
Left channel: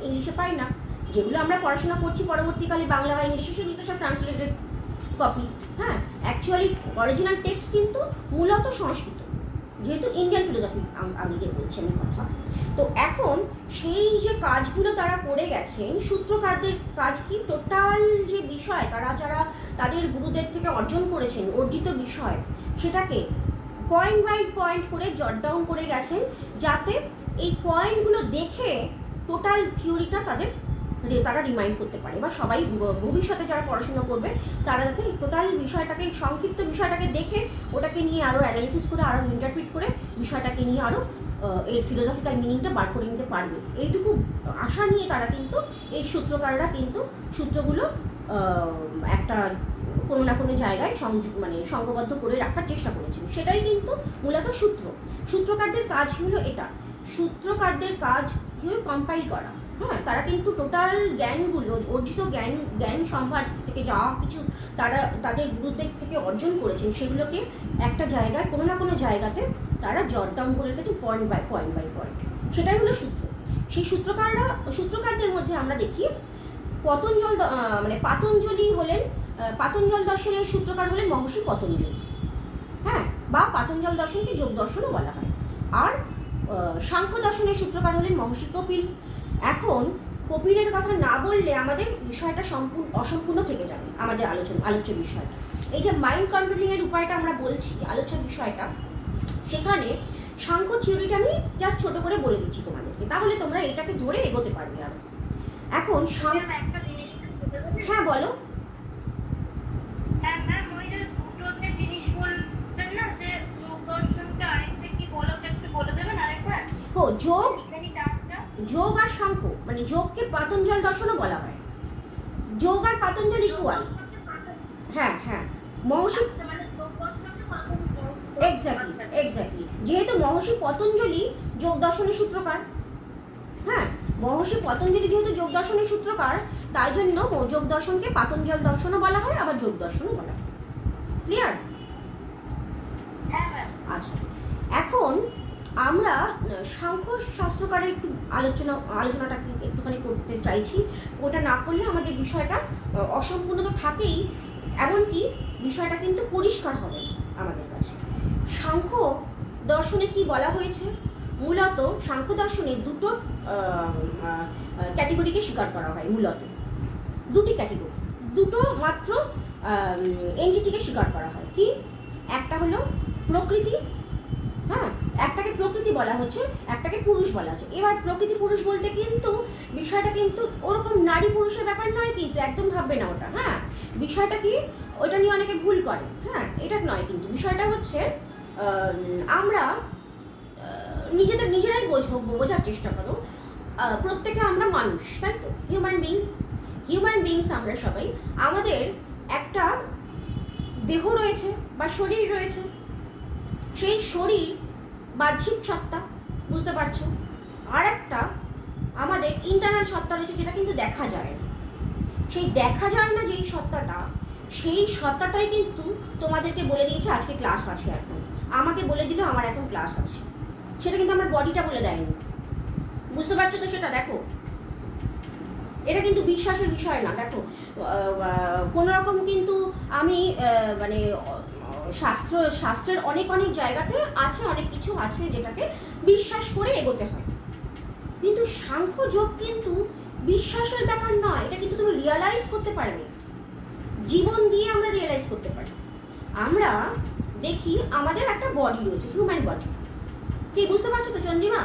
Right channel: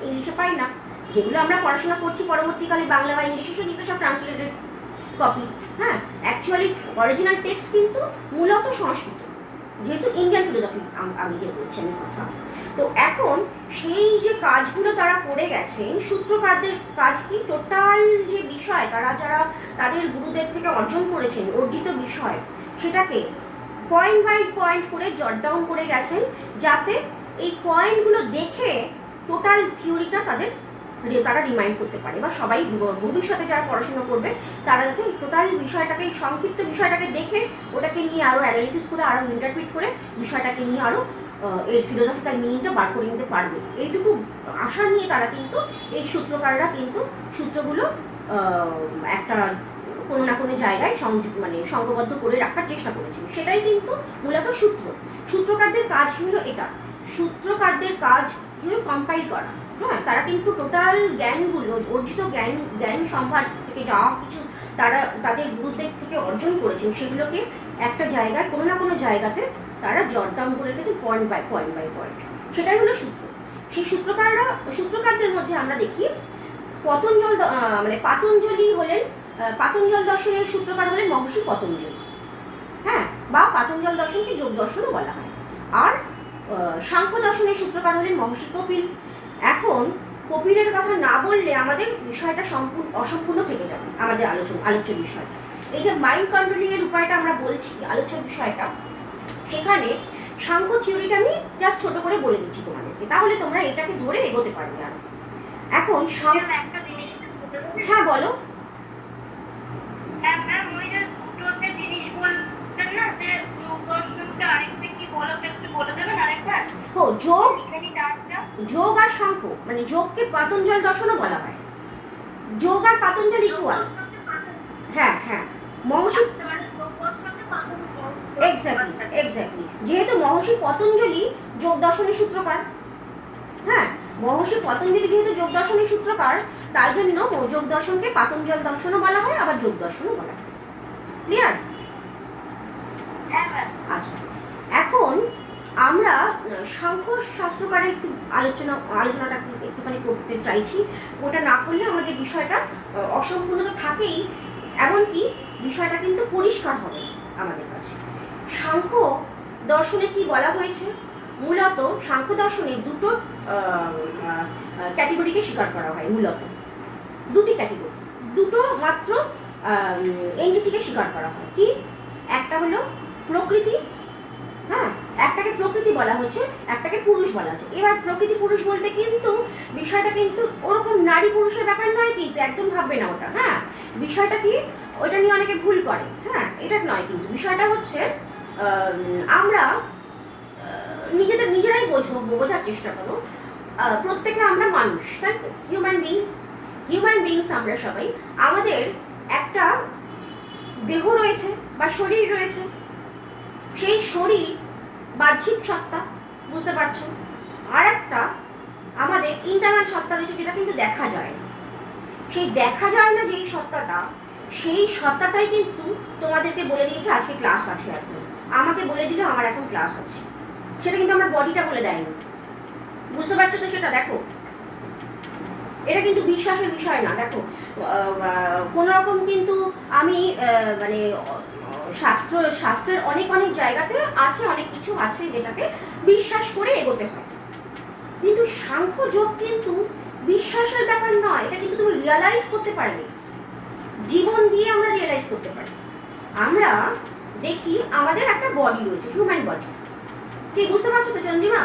ইংলিশে পাই না, যেগুলো আমরা পড়াশোনা করছি পরবর্তীকালে বাংলা বা ইংলিশে, সেগুলো সব ট্রান্সলেটেড কপি। হ্যাঁ, অ্যাকচুয়ালি অরিজিনাল টেক্সট কিন্তু মূলত সংস্কৃত, যেহেতু ইন্ডিয়ান ফিলোসফি আমি যে বলছি আমি কথা। তো এখন সেই যে কাজগুলো তারা করে গেছেন, সূত্রকারদের কাজ কি, টোটাল যে বিষয় তারা যারা তাদের গুরুদের থেকে অর্জন করেছেন, অর্জিত বিষয়, সেটাকে পয়েন্ট বাই পয়েন্ট করে জট ডাউন করে গেছেন, যাতে এই পয়েন্টগুলো দেখে টোটাল থিওরিটা তারা রিমাইন্ড করতে পারে, বা সবাই ভবিষ্যতে যারা পড়াশোনা করবে তারা যাতে টোটাল বিষয়টাকে, সংক্ষিপ্ত বিষয়টাকে দেখে ওটাকে নিয়ে আরও অ্যানালিসিস করে, আরও ইন্টারপ্রিট করে বিষয়টাকে নিয়ে আরও এর ফিলোসফিক্যাল মিনিংটা বার করে নিতে পারবে। এইটুকু আশা নিয়ে তারা কিন্তু, এই সূত্রকাররা কিন্তু সূত্রগুলো একটা কোনো না কোনো জায়গায় সংঘবদ্ধ করে রাখার চেষ্টা করেছিল। সেটাই কিন্তু মূলত সূত্রকারদের কাজ হলো এটা। সূত্রকারদের কাজ হলো কম্পাইল করা। হ্যাঁ, তারা কিন্তু টোটাল জ্ঞানগুলো, অর্জিত জ্ঞান সম্ভার থেকে যা কিছু তারা তাদের গুরুদের থেকে অর্জন করেছেন, সেগুলোকে একটা জায়গায়, কোনো না কোনো জায়গাতে তারা জট ডাউন করে রেখেছে পয়েন্ট বাই পয়েন্ট। সেটাই হলো সূত্র। সেই সূত্রকারদের মধ্যে আমরা দেখি পাতঞ্জল দর্শনের সূত্রকার হলেন মহর্ষি পতঞ্জলি। হ্যাঁ, বা পাতঞ্জল দর্শনকে যোগ দর্শনও বলা হয়। আর সাংখ্য দর্শনের সূত্রকার হলেন মহর্ষি কপিল। এখন কপিলের কথা না বললে আমাদের বিষয়টা অসম্পূর্ণ থেকে যাবে, আমাদের আলোচ্য বিষয়টা। এই যে মাইন্ড কন্ট্রোলিং এর উপায়টা আমরা বলছি, আলোচ্য বিষয়টা, সেখানে সাংখ্য থিওরিটা আমি জাস্ট ছোট করে বলে দিচ্ছি তোমাদেরকে, তাহলে তোমরা এটাকে ধরে এগোতে পারবে আরো। এখন একটা জিনিস, হ্যাঁ বলো। হ্যাঁ ম্যাম, ওই যে দুটোতে জিনিস বলছেন না, যে যোগ দর্শনটা আরেকটা কি বলো, একটু বলে দেবেন আরেকবার? যোগ আর সাংখ্য, মানে যোগকে পাতঞ্জল দর্শনও বলা হয়। যোগ আর পাতঞ্জল ইকুয়াল। হ্যাঁ, মহর্ষি, এক্স্যাক্টলি, যেহেতু মহর্ষি পতঞ্জলি যোগ দর্শনের সূত্রকার, হ্যাঁ, মহর্ষি পতঞ্জলি যেহেতু যোগ দর্শনের সূত্রকার, তাই জন্য যোগ দর্শনকে পাতঞ্জল দর্শনও বলা হয়, আবার যোগ দর্শনও বলা হয়। ক্লিয়ার? আচ্ছা, এখন আমরা সাংখ্য শাস্ত্রকারের একটু আলোচনাটা একটুখানি করতে চাইছি। ওটা না করলে আমাদের বিষয়টা অসম্পূর্ণতা থাকেই, এমনকি বিষয়টা কিন্তু পরিষ্কার হবে না আমাদের কাছে। সাংখ্য দর্শনে কি বলা হয়েছে? মূলত সাংখ্য দর্শনে দুটো ক্যাটেগরিকে স্বীকার করা হয়। মূলত দুটি ক্যাটেগরি, দুটো মাত্র এন্টিটিকে স্বীকার করা হয়। কি? একটা হলো প্রকৃতি, হ্যাঁ, একটাকে প্রকৃতি বলা হচ্ছে, একটাকে পুরুষ বলা হচ্ছে। এবার প্রকৃতি পুরুষ বলতে কিন্তু বিষয়টা কিন্তু ওরকম নারী পুরুষের ব্যাপার নয়, কিন্তু একদম ভাববে না ওটা। হ্যাঁ, বিষয়টা কি, ওইটা নিয়ে অনেকে ভুল করে। হ্যাঁ, এটা নয়, কিন্তু বিষয়টা হচ্ছে আমরা নিজেরাই বোঝার চেষ্টা করো। প্রত্যেকে আমরা মানুষ, তাই তো? হিউম্যান বিংস আমরা সবাই। আমাদের একটা দেহ রয়েছে বা শরীর রয়েছে, সেই শরীর বাহ্যিক সত্তা, বুঝতে পারছো? আর একটা আমাদের ইন্টারনাল সত্তা রয়েছে, যেটা কিন্তু দেখা যায় না। সেই দেখা যায় না যেই সত্তাটা, সেই সত্তাটাই কিন্তু তোমাদেরকে বলে দিয়েছে আজকে ক্লাস আছে। এখন আমাকে বলে দিলে আমার এখন ক্লাস আছে, সেটা কিন্তু আমার বডিটা বলে দেয়নি। বুঝতে পারছো তো? সেটা দেখো, এটা কিন্তু বিশ্বাসের বিষয় না। দেখো, কোনো রকম কিন্তু আমি মানে শাস্ত্রের অনেক জায়গাতে আছে, অনেক কিছু আছে যেটাকে বিশ্বাস করে এগোতে হয়, কিন্তু সাংখ্য যোগ কিন্তু বিশ্বাসের ব্যাপার নয়। এটা কিন্তু তুমি রিয়ালাইজ করতে পারবে, জীবন দিয়ে আমরা রিয়ালাইজ করতে পারি। আমরা দেখি আমাদের একটা বডি রয়েছে, হিউম্যান বডি। কি বুঝতে পারছো তো চন্দ্রিমা?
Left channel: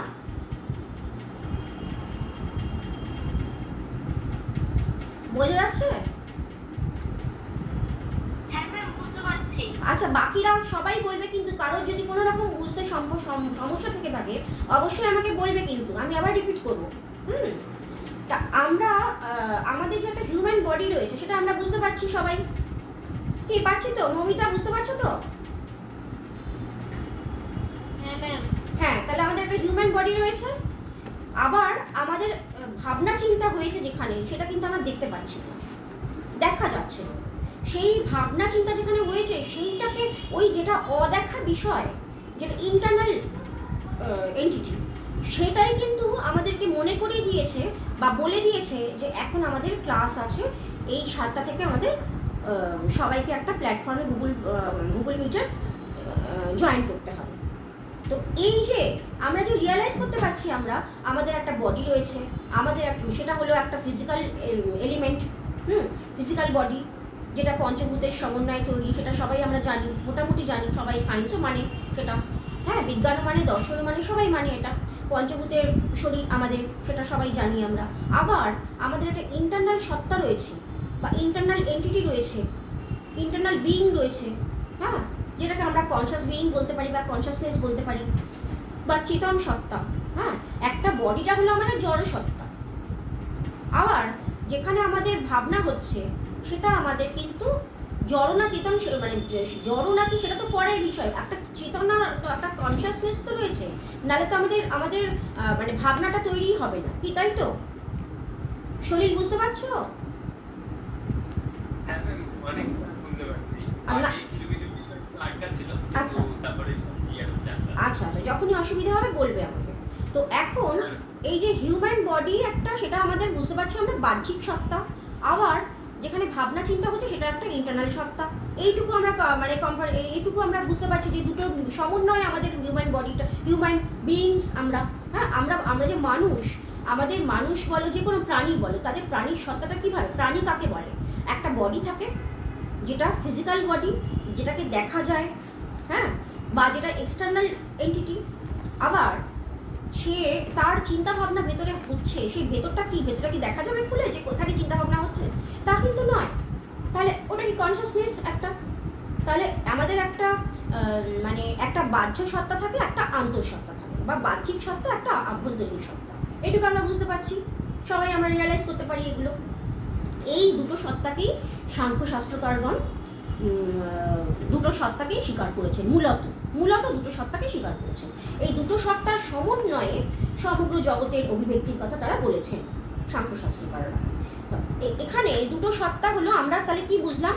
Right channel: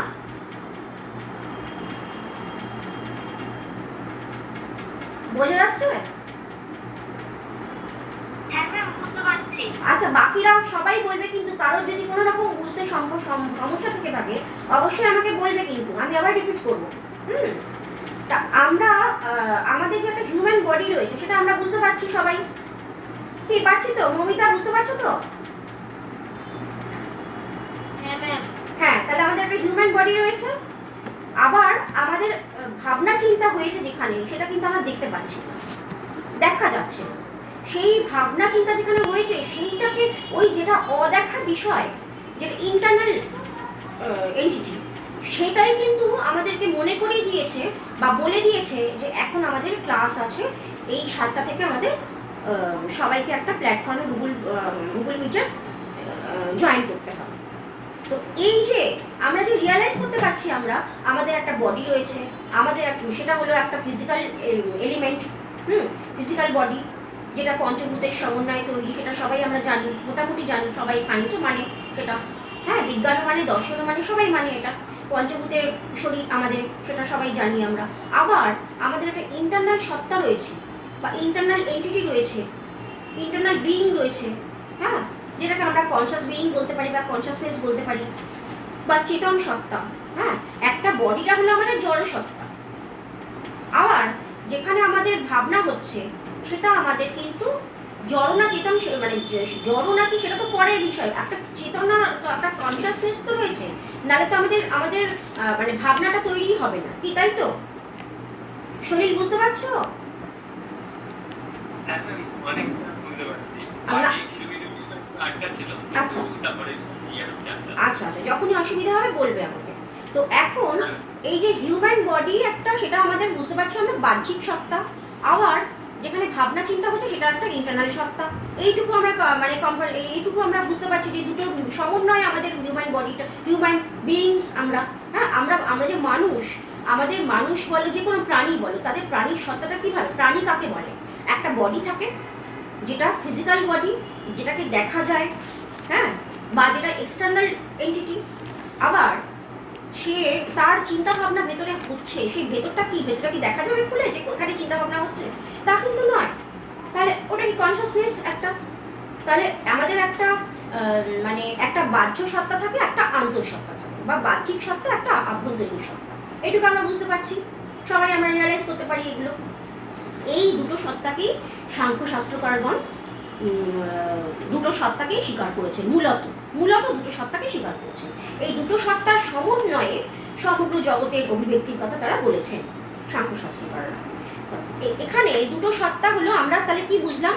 বোঝা যাচ্ছে? আচ্ছা, বাকিরা সবাই বলবে, কিন্তু কারোর যদি কোনো রকম বুঝতে সমস্যা থেকে থাকে অবশ্যই আমাকে বলবে, কিন্তু আমি আবার রিপিট করবো। তা আমরা আমাদের যে একটা হিউম্যান বডি রয়েছে সেটা আমরা বুঝতে পারছি সবাই, ঠিক পারছি তো? মমিতা, বুঝতে পারছো তো? হ্যাঁ, তাহলে আমাদের একটা হিউম্যান বডি রয়েছে, আবার আমাদের ভাবনা চিন্তা হয়েছে যেখানে, সেটা কিন্তু আমরা দেখতে পাচ্ছি না, দেখা যাচ্ছে না। সেই ভাবনা চিন্তা যেখানে হয়েছে সেইটাকে, ওই যেটা অদেখা বিষয়, যেটা ইন্টারনাল এন্টিটি, সেটাই কিন্তু আমাদেরকে মনে করিয়ে দিয়েছে বা বলে দিয়েছে যে এখন আমাদের ক্লাস আছে এই 7টা থেকে, আমাদের সবাইকে একটা প্ল্যাটফর্মে গুগল মিটে জয়েন করতে হবে। তো এই যে আমরা যে রিয়ালাইজ করতে পারছি, আমরা আমাদের একটা বডি রয়েছে, আমাদের সেটা হলো একটা ফিজিক্যাল এলিমেন্ট, ফিজিক্যাল বডি, যেটা পঞ্চভূতের সমন্বয়ে তৈরি, সেটা সবাই আমরা জানি, মোটামুটি জানি সবাই, সায়েন্সও মানে সেটা, হ্যাঁ, বিজ্ঞানও মানে, দর্শনও মানে, সবাই মানে এটা পঞ্চভূতের শরীর আমাদের, সেটা সবাই জানি আমরা। আবার আমাদের একটা ইন্টারনাল সত্তা রয়েছে বা ইন্টারনাল এন্টিটি রয়েছে, ইন্টারনাল বিইং রয়েছে, হ্যাঁ, যেটাকে আমরা কনশাস বিইং বলতে পারি বা কনশাসনেস বলতে পারি বা চেতন সত্তা। হ্যাঁ, একটা বডিটা হলো আমাদের জড় সত্তা, আবার যেখানে আমাদের ভাবনা হচ্ছে সেটা আমাদের কিন্তু জড় না চেতন, মানে জড় নাকি সেটা তো পরের বিষয়, একটা চেতনা, একটা কনশাসনেস তো রয়েছে, নাহলে তো আমাদের মানে ভাবনাটা তৈরি হবে না, কি তাই তো? শরীর, বুঝতে পারছো? আচ্ছা আচ্ছা, যখনই অসুবিধা হবে বলবে আমাকে। তো এখন এই যে হিউম্যান বডি একটা, সেটা আমাদের বুঝতে পারছি আমরা বাহ্যিক সত্তা, আবার যেখানে ভাবনা চিন্তা হচ্ছে সেটা একটা ইন্টারনাল সত্তা। এইটুকু আমরা এইটুকু আমরা বুঝতে পারছি যে দুটো সমন্বয়ে আমাদের হিউম্যান বডিটা, হিউম্যান বিইংস আমরা। হ্যাঁ, আমরা যে মানুষ, আমাদের মানুষ বলো, যে কোনো প্রাণী বলো, তাদের প্রাণীর সত্তাটা কীভাবে, প্রাণী কাকে বলে? একটা বডি থাকে, যেটা ফিজিক্যাল বডি, যেটাকে দেখা যায়, হ্যাঁ, বা যেটা এক্সটার্নাল এন্টিটি, আবার সে তার চিন্তা ভাবনা ভেতরে হচ্ছে, সেই ভেতরটা কি, ভেতরটা কি দেখা যাবে খুলে যে ওখানে চিন্তা ভাবনা হচ্ছে? তা কিন্তু নয়। তাহলে ওটা কি কনসাসনেস একটা? তাহলে আমাদের একটা মানে একটা বাহ্য সত্তা থাকে, একটা আন্তঃসত্তা থাকে, বা বাহ্যিক সত্তা, একটা আভ্যন্তরীণ সত্তা। এটুকু আমরা বুঝতে পারছি, সবাই আমরা রিয়ালাইজ করতে পারি এগুলো। এই দুটো সত্তাকেই সাংখ্যশাস্ত্রকারগণ দুটো সত্তাকেই স্বীকার করেছেন, মূলত দুটো সত্তাকে স্বীকার করেছেন। এই দুটো সত্তার সমন্বয়ে সমগ্র জগতের অভিব্যক্তির কথা তারা বলেছেন সাংখ্যশাস্ত্রকাররা। এখানে দুটো সত্তা হলো, আমরা তাহলে কি বুঝলাম?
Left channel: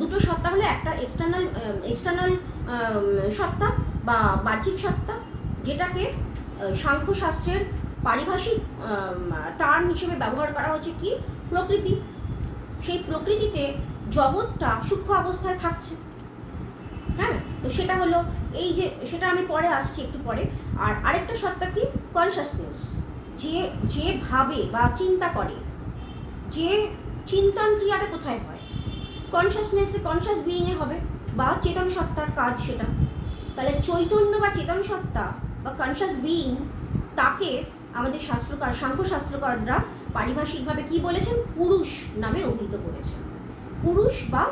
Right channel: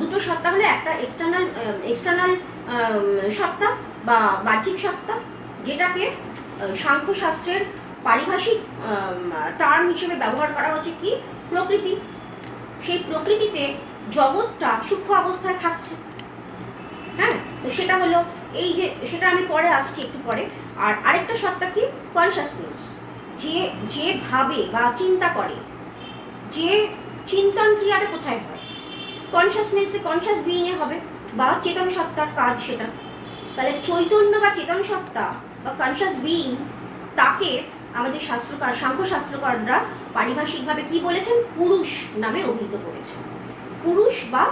দুটো সত্তা হলো একটা এক্সটার্নাল সত্তা বা বাহ্যিক সত্তা, যেটাকে সাংখ্যশাস্ত্রের পারিভাষিক টার্ম হিসেবে ব্যবহার করা হচ্ছে কি, প্রকৃতি। সেই প্রকৃতিতে জগৎটা সূক্ষ্ম অবস্থায় থাকছে, হ্যাঁ, তো সেটা হলো এই যে, সেটা আমি পরে আসছি একটু পরে। আর আরেকটা সত্তা কি, কনশাসনেস, যে ভাবে বা চিন্তা করে, যে চিন্তন ক্রিয়াটা কোথায় হয়, কনশাসনেসে, কনশাস বিইংয়ে হবে, বা চেতন সত্তার কাজ সেটা। তাহলে চৈতন্য বা চেতন সত্তা বা কনশাস বিইং, তাকে আমাদের সাংখ্যশাস্ত্রকাররা পারিভাষিকভাবে কি বলেছেন, পুরুষ নামে অভিহিত করেছেন। পুরুষ বা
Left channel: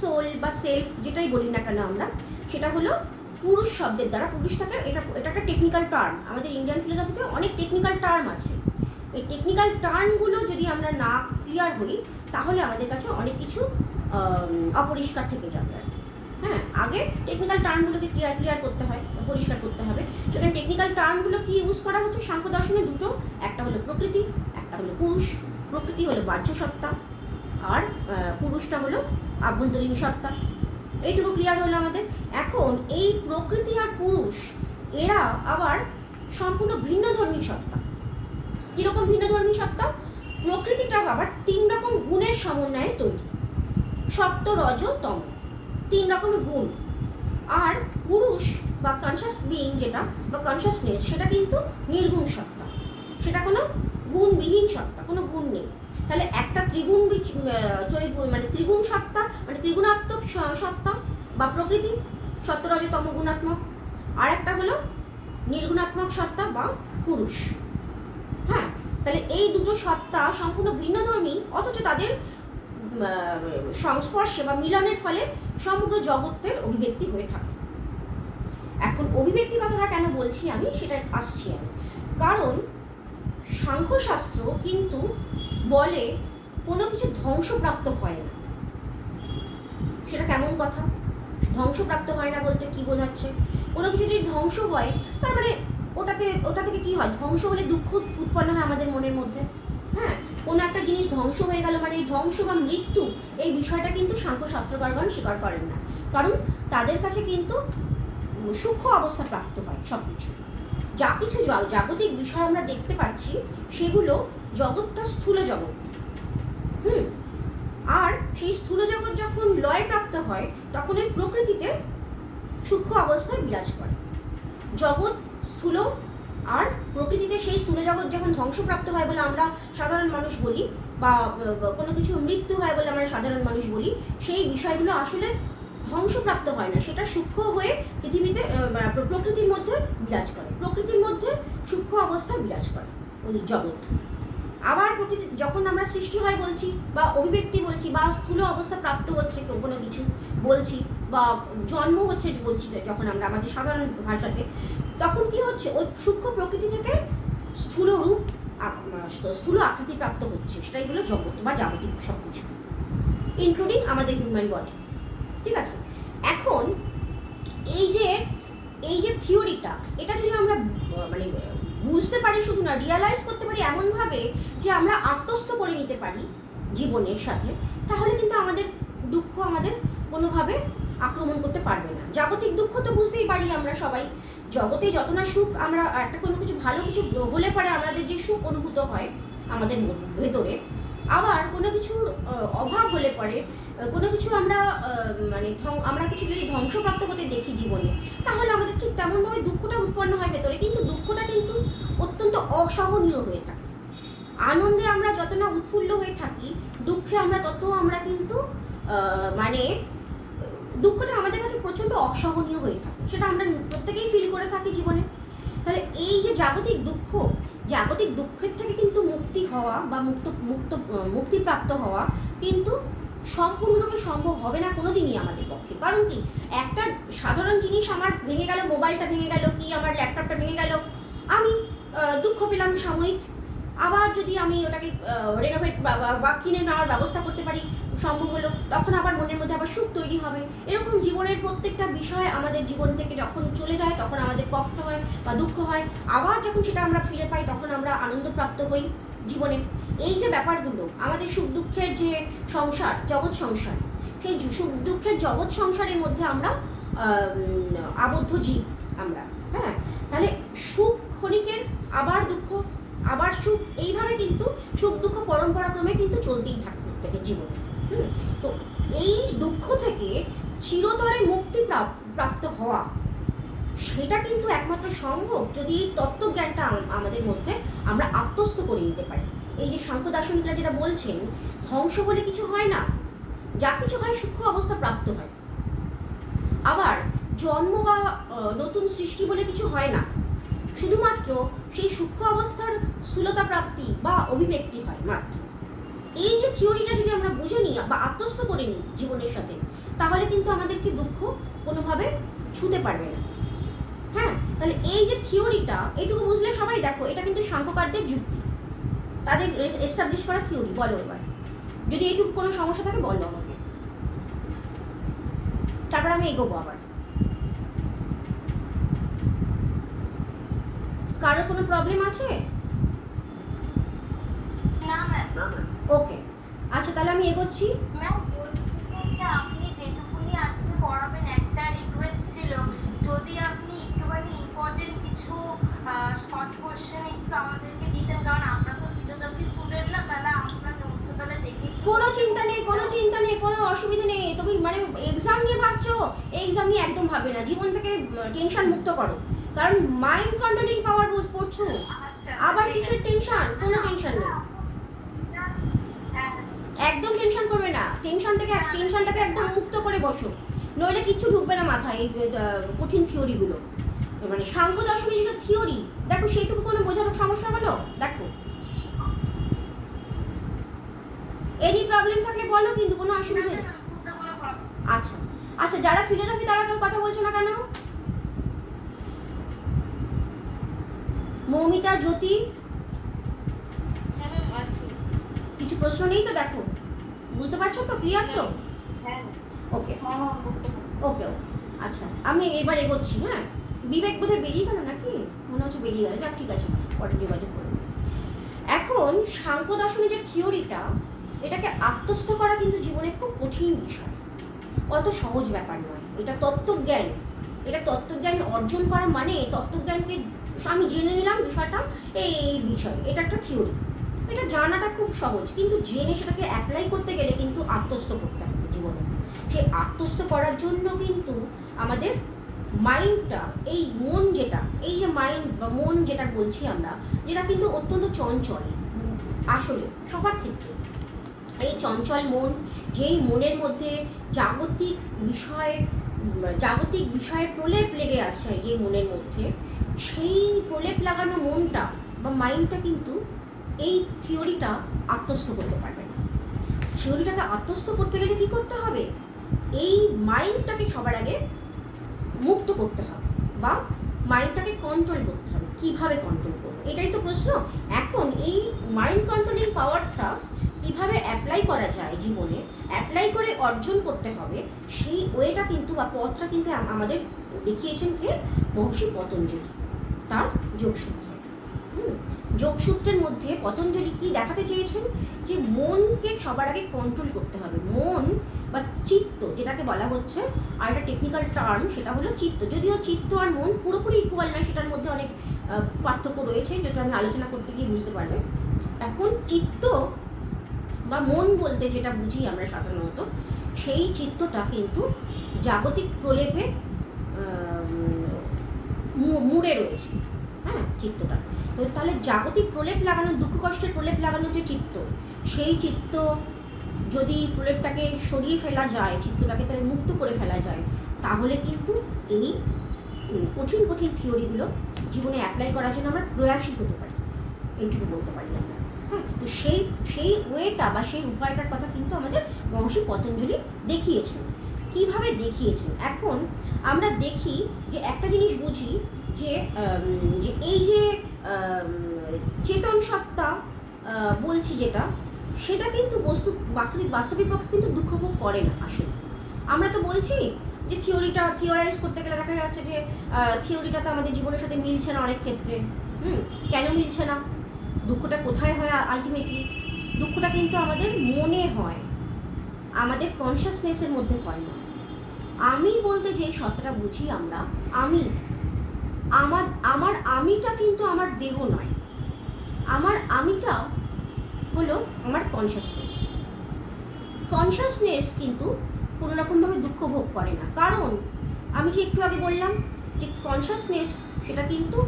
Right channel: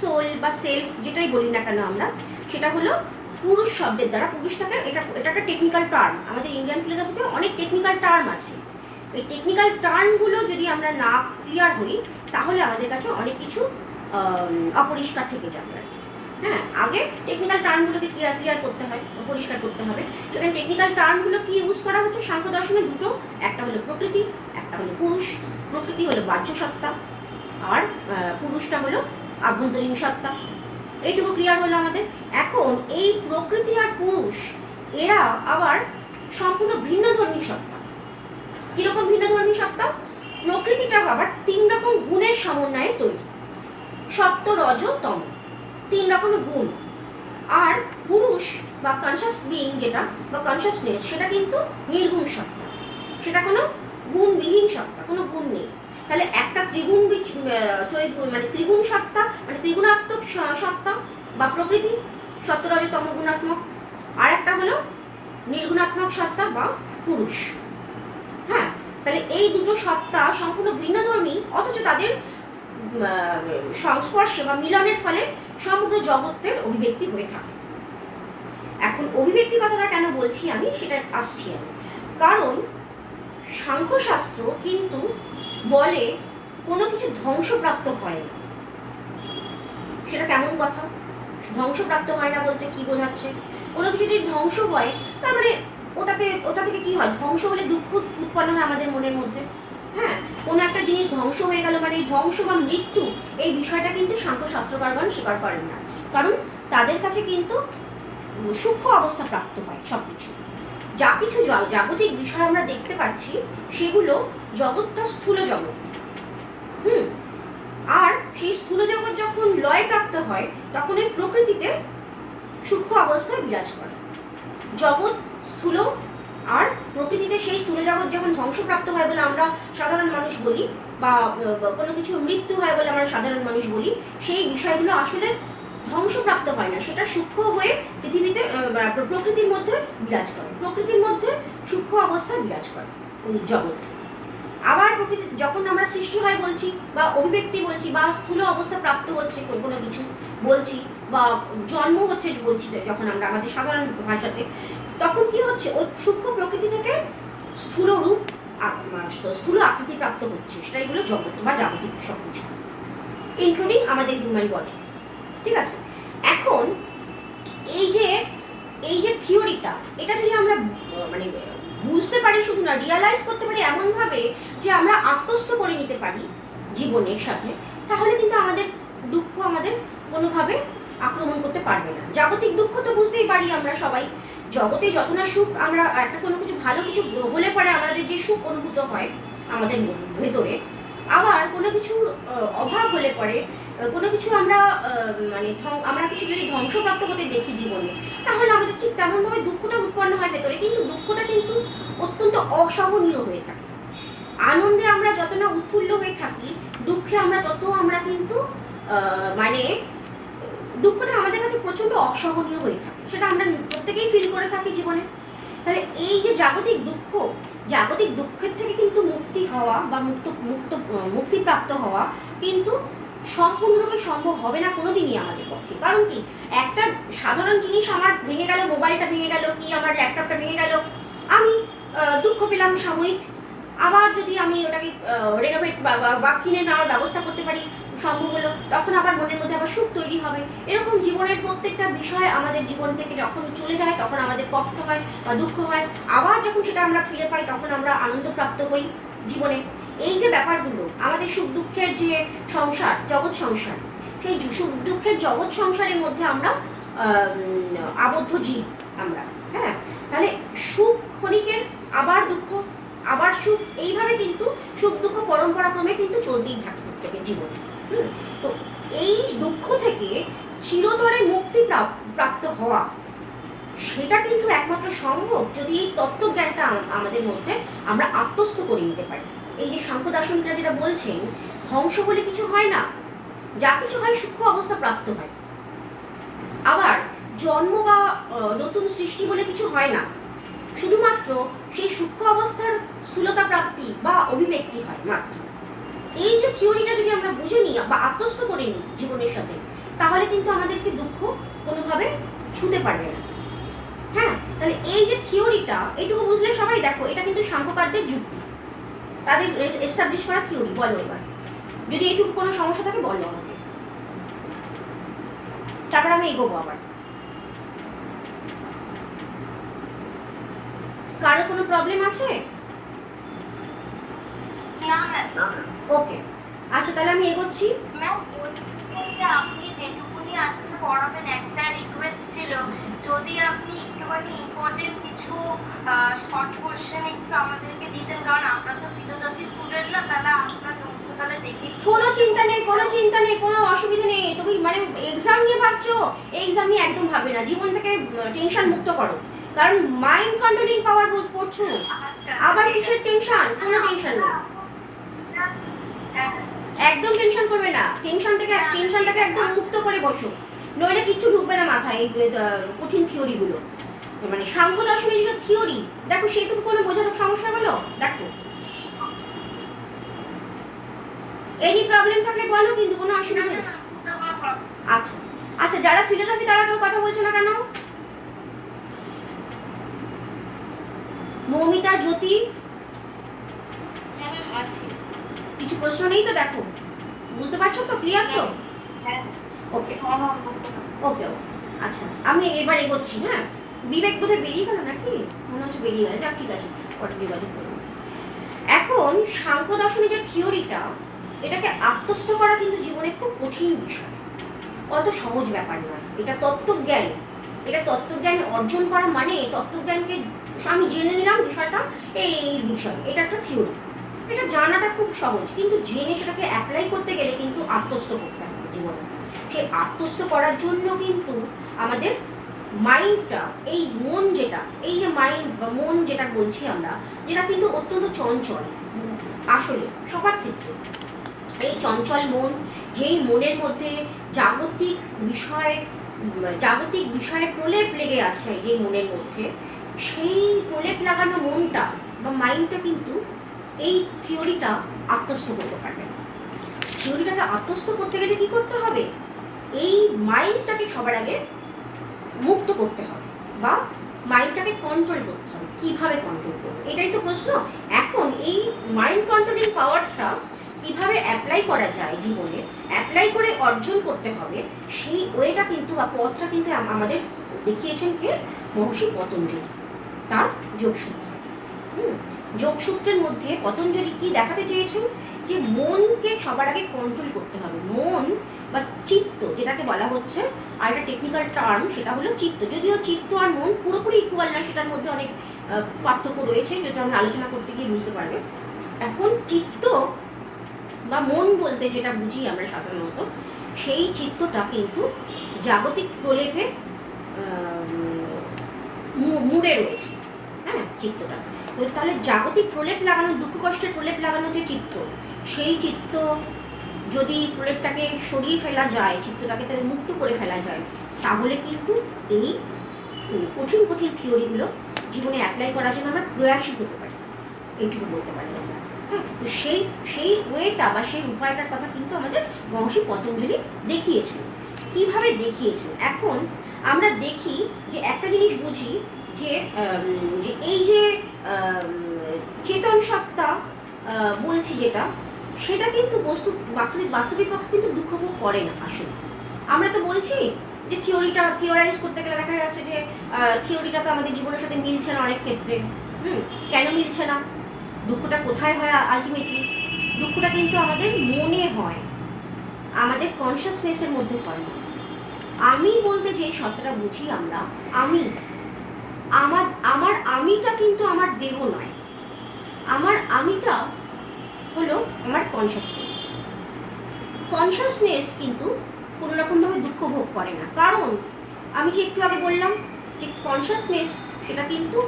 সোল বা সেলফ, যেটাই বলি না কেন আমরা, সেটা হলো পুরুষ শব্দের দ্বারা, পুরুষটাকে, এটা একটা টেকনিক্যাল টার্ম। আমাদের ইন্ডিয়ান ফিলোসফিতে অনেক টেকনিক্যাল টার্ম আছে। এই টেকনিক্যাল টার্মগুলো যদি আমরা না ক্লিয়ার হই, তাহলে আমাদের কাছে অনেক কিছু অপরিষ্কার থেকে যাবে। হ্যাঁ, আগে টেকনিক্যাল টার্মগুলোকে ক্লিয়ার করতে হয়, পরিষ্কার করতে হবে। সেখানে টেকনিক্যাল টার্মগুলো কি ইউজ করা হচ্ছে সাংখ্য দর্শনে, দুটো, একটা হলো প্রকৃতি, একটা হলো পুরুষ। প্রকৃতি হলো বাহ্য সত্তা, আর পুরুষটা হলো আভ্যন্তরীণ সত্তা। এইটুকু ক্লিয়ার হলো আমাদের। এখন এই প্রকৃতি আর পুরুষ, এরা আবার সম্পূর্ণ ভিন্ন ধর্মী সত্তা। কীরকম ভিন্ন ধর্মী সত্তা? প্রকৃতিটা আবার 3 রকম গুণের সমন্বয়ে তৈরি, সত্ত্ব, রজ, তম, 3 রকমের গুণ। আর পুরুষ বা কনশাস বিইং যেটা, বা কনশাসনেস, সেটা কিন্তু নির্গুণ সত্তা, সেটা কোনো গুণবিহীন সত্তা, কোনো গুণ নেই। তাহলে একটা মানে ত্রিগুণ সত্তা, মানে ত্রিগুণাত্মক সত্তা বা প্রকৃতি, সত্ত্ব, রজ, তম গুণাত্মক। আর একটা হলো নির্গুণাত্মক সত্তা বা পুরুষ। হ্যাঁ, তাহলে এই দুটো সত্তা সম্পূর্ণ ভিন্নধর্মী, অথচ তাদের সংস্পর্শে বা মিলনের ফলে সমগ্র জগতের অভিব্যক্তি হয়ে থাকে। এখন অভিব্যক্তি কথাটা কেন বলছি আমি, সেটা আসছি আমি। কারণ সাংখ্যশাস্ত্র কিন্তু বলে কোনো কিছু ধ্বংসপ্রাপ্ত হয় না। সেটা কেমন কথা? ধ্বংসপ্রাপ্ত হয় না বলতে কি বোঝাচ্ছে? কোনো কিছু যদি ধ্বংস হয়, তার মানে ওটা থেকে কি হয়? ধ্বংস হলে দুঃখ উৎপন্ন হয় আমাদের মনের মধ্যে। হ্যাঁ, কোনো একটা জিনিস ধ্বংস হয়ে গেল মানে ধ্বংস বা মৃত্যু, এই বিষয়টা কিন্তু সাংখ্যশাস্ত্রকারগণ স্বীকার করেন না। কারণ তাদের কাছে কিন্তু সূক্ষ্ম অবস্থা প্রাপ্ত হয় সব কিছু। যা কিছু জাগতিক বিষয় আমরা দেখতে পাচ্ছি, সেগুলো জগৎটা স্থূল জগৎ। আর সেই স্থূল জগৎ যখন লয় প্রাপ্ত হয়, তখন এই প্রকৃতিতে সূক্ষ্ম অবস্থায় বিরাজ করে। জগৎ স্থূল, আর প্রকৃতিতে সেই স্থূল জগৎ যখন ধ্বংসপ্রাপ্ত হয় বলে আমরা সাধারণ মানুষ বলি, বা কোনো কিছু মৃত্যু হয় বলে আমরা সাধারণ মানুষ বলি, সেই বিষয়গুলো আসলে ধ্বংসপ্রাপ্ত হয় না, সেটা সূক্ষ্ম হয়ে পৃথিবীতে প্রকৃতির মধ্যে বিরাজ করে। প্রকৃতির মধ্যে সূক্ষ্ম অবস্থায় বিরাজ করে ওই জগৎ। আবার প্রকৃতি যখন আমরা সৃষ্টি হয় বলছি, বা অভিব্যক্তি বলছি, বা স্থূল অবস্থা প্রাপ্ত হচ্ছে কোনো কিছু বলছি, বা জন্ম হচ্ছে বলছি, যখন আমরা আমাদের সাধারণ ভাষাতে, তখন কি হচ্ছে? ওই সূক্ষ্ম প্রকৃতি থেকে স্থূল রূপ, স্থূল আকৃতি প্রাপ্ত হচ্ছে। সেটা এগুলো জগৎ বা জাগতিক সব কিছু, ইনক্লুডিং আমাদের হিউম্যান বডি। ঠিক আছে? এখন এই যে থিওরিটা, এটা যদি আমরা মানে বুঝতে পারি, শুধু না রিয়ালাইজ করতে পারি এমনভাবে যে আমরা আত্মস্থ করে নিতে পারি জীবনের সাথে, তাহলে কিন্তু আমাদের দুঃখ আমাদের কোনোভাবে আক্রমণ করতে পারবে না। জাগতিক দুঃখ তো বুঝতেই পারি আমরা সবাই, জগতে যত না সুখ, আমরা একটা কোনো কিছু ভালো কিছু হলে পরে আমাদের যে সুখ অনুভূত হয় আমাদের ভেতরে, আবার কোনো কিছুর অভাব হলে পরে, কোনো কিছু আমরা আমরা কিছু যদি ধ্বংসপ্রাপ্ত হতে দেখি জীবনে, তাহলে আমাদের ঠিক তেমনভাবে দুঃখটা উৎপন্ন হয় ভেতরে, কিন্তু দুঃখটা কিন্তু অত্যন্ত অসহনীয় হয়ে থাকে। আনন্দে আমরা যত না উৎফুল্ল হয়ে থাকি, দুঃখে আমরা কিন্তু দুঃখটা আমাদের কাছে প্রচণ্ড অসহনীয় হয়ে থাকে। সেটা আমরা প্রত্যেকেই ফিল করে থাকি জীবনে। তাহলে এই যে জাগতিক দুঃখের থেকে কিন্তু মুক্তি হওয়া বা মুক্তিপ্রাপ্ত হওয়া কিন্তু সম্পূর্ণরূপে সম্ভব হবে না কোনোদিনই আমাদের পক্ষে। কারণ কি, একটা সাধারণ জিনিস আমার ভেঙে গেল, মোবাইলটা ভেঙে গেল, কি আমার ল্যাপটপটা ভেঙে গেল, আমি দুঃখ পেলাম সাময়িক। আবার যদি আমি ওটাকে রেনোভেট বা কিনে নেওয়ার ব্যবস্থা করতে পারি, সম্ভব হলো, তখন আবার মনের মধ্যে আবার সুখ তৈরি হবে। এরকম জীবনের প্রত্যেকটা বিষয় আমাদের জীবন থেকে যখন চলে যায়, তখন আমাদের কষ্ট হয় বা দুঃখ হয়। আবার যখন সেটা আমরা ফিরে পাই, তখন আমরা আনন্দপ্রাপ্ত হই জীবনে। এই যে ব্যাপারগুলো, আমাদের সুখ দুঃখের যে সংসার, জগৎ সংসার, সেই সুখ দুঃখের জগৎ সংসারের মধ্যে আমরা আবদ্ধ জীব আমরা। হ্যাঁ, তাহলে সুখ ক্ষণিকের, আবার দুঃখ, আবার সুখ, এইভাবে কিন্তু সুখ দুঃখ পরম্পরাক্রমে কিন্তু চলতেই থাকে প্রত্যেকের জীবনে। তো এই দুঃখ থেকে চিরতরে মুক্তি প্রাপ্ত হওয়া, সেটা কিন্তু একমাত্র সম্ভব যদি এই তত্ত্বজ্ঞানটা আমাদের মধ্যে আমরা আত্মস্থ করে নিতে পারি। এই যে সাংখ্য দার্শনিকরা যেটা বলছেন, ধ্বংস বলে কিছু হয় না, যা কিছু হয় সূক্ষ্ম অবস্থা প্রাপ্ত হয়। আবার জন্ম বা নতুন সৃষ্টি বলে কিছু হয় না, শুধুমাত্র সেই সূক্ষ্ম অবস্থার স্থূলতা প্রাপ্তি বা অভিব্যক্তি হয় মাত্র। এই যে থিওরিটা যদি আমরা বুঝে নিই বা আত্মস্থ করে নিই জীবনের সাথে, তাহলে কিন্তু আমাদেরকে দুঃখ কোনোভাবে ছুঁতে পারবে না। হ্যাঁ, তাহলে এই যে থিওরিটা, এইটুকু বুঝলে সবাই দেখো, এটা কিন্তু সাংখ্যকারদের যুক্তি, তাদের এস্টাবলিশ করা থিওরি। বলো এবার, যদি এইটুকু কোনো সমস্যা থাকে বলো আমাকে, তারপর আমি এগোবো। আবার কারো কোনো প্রবলেম আছে? ওকে, আচ্ছা, তাহলে আমি এগোচ্ছি। আপনি যেটুকুনি আজকে পড়াবেন, একটা রিকোয়েস্ট ছিল, যদি আপনি একটুখানি ইম্পর্টেন্ট কিছু শর্ট কোশ্চেন একটু আমাদেরকে দিতেন, কারণ আমরা তো ফিলোসফি স্টুডেন্ট না, তাহলে আপনার নোটস তাহলে দেখে। কোনো চিন্তা নেই, কোনো অসুবিধা নেই। তুমি মানে এক্সাম নিয়ে ভাবছো, এক্সাম নিয়ে একদম ভাববে না। জীবন থেকে টেনশন মুক্ত করো, কারণ মাইন্ড কন্ট্রোলিং পাওয়ার পড়ছো। আবার কিসের টেনশন? কোনো টেনশন নেই, একদম টেনশন করবে না। টেনশনটাকে একদম মুক্ত করে বসো, নইলে কিচ্ছু ঢুকবে না মাথায়। এই কঠিন থিওরিগুলো, মানে সাংখ্য দর্শনের যেসব থিওরি, দেখো সেইটুকু কোনো বোঝানোর সমস্যা হলো? দেখো এনি প্রবলেম থাকলে বলো, কিন্তু কোনো অসুবিধা নেই। বুঝতে কোনো problem আচ্ছা আচ্ছা, যারা ফিলোসফি তারা কেউ কথা বলছো না কেন? মৌমিতা, জ্যোতি, হ্যাঁ ম্যাম আছে। কিছু প্রশ্ন নেই তো? দেখো বুঝতে পারছো তো, ক্লিয়ার তো? হ্যাঁ ওকে হ্যাঁ ম্যাম বলতে পারো। ওকে ওকে। আচ্ছা আমি এবার এগোচ্ছি। হ্যাঁ, বিবেক বোধহয় বেরিয়ে গেল নাকি? মনে হচ্ছে বেরিয়ে গেল। যাক ঠিক আছে, পরে যোগাযোগ করবো। এখন সাংখ্য দর্শনের যে থিওরিটা, এটাকে আত্মস্থ করা কিন্তু জীবনে খুব কঠিন বিষয়, অত সহজ ব্যাপার নয়। এটা তত্ত্বজ্ঞান, এটা তত্ত্বজ্ঞান অর্জন করা মানে তত্ত্বজ্ঞানকে আমি জেনে নিলাম বিষয়টা, এই বিষয়, এটা একটা থিওরি, এটা জানাটা খুব সহজ, কিন্তু জেনে সেটাকে অ্যাপ্লাই করতে গেলে কিন্তু আত্মস্থ করতে হবে জীবনে। সেই আত্মস্থ করার জন্য কিন্তু আমাদের মাইন্ডটা, এই মন যেটা, এই যে মাইন্ড বা মন যেটা বলছি আমরা, যেটা কিন্তু অত্যন্ত চঞ্চল আসলে সবার ক্ষেত্রে। এই চঞ্চল মন, যেই মনের মধ্যে জাগতিক বিষয়ে প্রলেপ লেগে আছে, যে মনের মধ্যে সেই প্রলেপ লাগানো মনটা বা মাইন্ডটা কিন্তু এই থিওরিটা আত্মস্থ করতে পারবে না। থিওরিটাকে আত্মস্থ করতে গেলে কি করতে হবে? এই মাইন্ডটাকে সবার আগে মুক্ত করতে হবে বা মাইন্ডটাকে কন্ট্রোল করতে হবে। কিভাবে কন্ট্রোল করবো, এটাই তো প্রশ্ন। এখন এই মাইন্ড কন্ট্রোলিং পাওয়ারটা কিভাবে অ্যাপ্লাই করা যায় জীবনে, অ্যাপ্লাই করে অর্জন করতে হবে, সেই ওয়েটা কিন্তু বা পথটা কিন্তু আমাদের দেখিয়েছেন কে? মহর্ষি পতঞ্জলি, তার যোগসূত্র। যোগসূত্রের মধ্যে পতঞ্জলি কি দেখাতে চেয়েছেন? যে মনকে সবার আগে কন্ট্রোল করতে হবে। মন বা চিত্ত যেটাকে বলা হচ্ছে, আর একটা টেকনিক্যাল টার্ম, সেটা হলো চিত্ত। যদিও চিত্ত আর মন পুরোপুরি ইকুয়াল নয়, সেটার মধ্যে অনেক পার্থক্য রয়েছে, যেটা আমি আলোচনা করতে গিয়ে বুঝতে পারবে। এখন চিত্ত বা মন বলতে যেটা বুঝি আমরা সাধারণত, সেই চিত্তটা কিন্তু জাগতিক প্রলেপে মুড়ে রয়েছে। হ্যাঁ, চিত্তটা তো তাহলে জাগতিক প্রলেপ লাগানো, দুঃখ কষ্টের প্রলেপ লাগানো যে চিত্ত, সেই চিত্ত যদি প্রলেপটাকে সরিয়ে ফেলা যায়, চিত্তটাকে তাহলে মুক্ত করে ফেলা যায়, তাহলে কিন্তু এই কঠিন কঠিন থিওরিগুলো জীবনে অ্যাপ্লাই করার জন্য আমরা প্রয়াসী হতে পারি, এইটুকু বলতে পারি আমরা। হ্যাঁ, তো সেই ওয়েটা বা সেই উপায়টার কথা কিন্তু আমাদের মহর্ষি পতঞ্জলি দেখিয়েছেন। কিভাবে দেখিয়েছেন? এখন আমরা দেখি যে একটা জিনিস বুঝি যে এই যে চেতন সত্তা বলছি যেটা, সেটা কিন্তু বাস্তবিক পক্ষে কিন্তু দুঃখ ভোগ করে না আসলে। আমরা তো বলছি যে থিওরাইজ করতে গেলে দেখা যাচ্ছে যে থিওরিটা তো আমাদের জীবনের সাথে মিলছে না অনেক ক্ষেত্রে। কেন মিলছে না? দুঃখটা কোথায় হয় আলটিমেটলি? দুঃখটা কিন্তু আমাদের মনে হয়, আমাদের কনসিয়াসনেসের মধ্যে হয় না। আমি বলতে যে সত্তাটা বুঝি আমরা, আমার আমিটা কিন্তু আমার দেহ নয়। আমার আমিটা হলো আমার কনসিয়াসনেস কিন্তু কোনো রকমভাবে দুঃখ ভোগ করে না। কারণ আমি যে একটু আগে বললাম যে কনসিয়াসনেস সেটা কিন্তু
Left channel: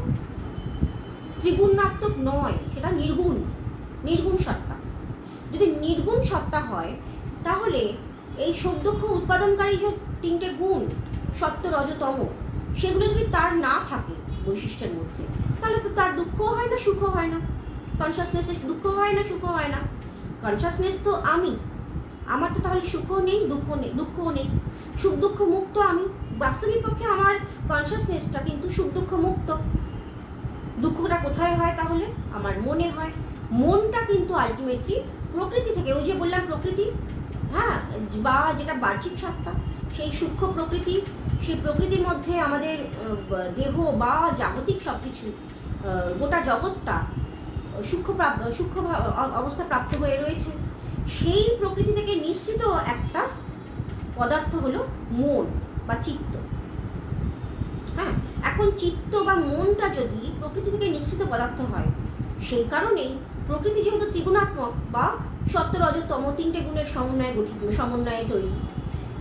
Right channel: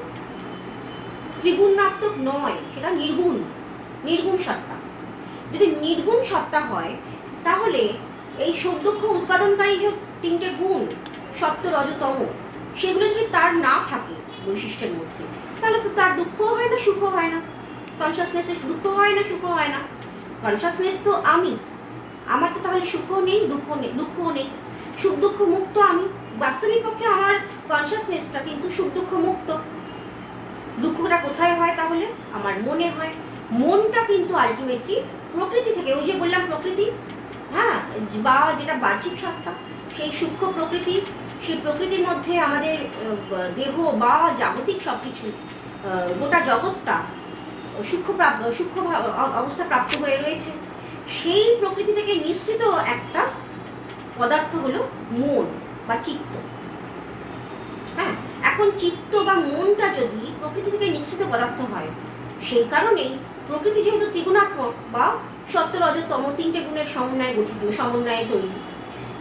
ত্রিগুণাত্মক নয়, সেটা নির্গুণ সত্তা। যদি নির্গুণ সত্তা হয়, তাহলে এই সুখ দুঃখ উৎপাদনকারী যে তিনটে গুণ, সত্য রজ তম, সেগুলো যদি তার না থাকে বৈশিষ্ট্যের মধ্যে, তাহলে তো তার দুঃখও হয় না, সুখও হয় না। কনসিয়াসনেসের দুঃখ হয় না, সুখও হয় না। কনসিয়াসনেস তো আমার তো তাহলে সুখও নেই, দুঃখও নেই। সুখ দুঃখ মুক্ত আমি। বাস্তবিক পক্ষে আমার কনসিয়াসনেসটা কিন্তু সুখ দুঃখ মুক্ত। দুঃখটা কোথায় হয় তাহলে? আমার মনে হয়। মনটা কিন্তু আলটিমেটলি প্রকৃতি থেকে, ওই যে বললাম প্রকৃতি, হ্যাঁ, বা যেটা বাহ্যিক সত্তা, সেই সূক্ষ্ম প্রকৃতি, সেই প্রকৃতির মধ্যে আমাদের দেহ বা জাগতিক সব কিছু, গোটা জগৎটা সূক্ষ্ম অবস্থা প্রাপ্ত হয়ে রয়েছে। সেই প্রকৃতি থেকে নিঃসৃত একটা পদার্থ হলো মন বা চিত্ত। হ্যাঁ, এখন চিত্ত বা মনটা যদি প্রকৃতি থেকে নিঃসৃত পদার্থ হয়, সেই কারণেই প্রকৃতি যেহেতু ত্রিগুণাত্মক বা সত্য রজ তম তিনটে গুণের সমন্বয়ে তৈরি,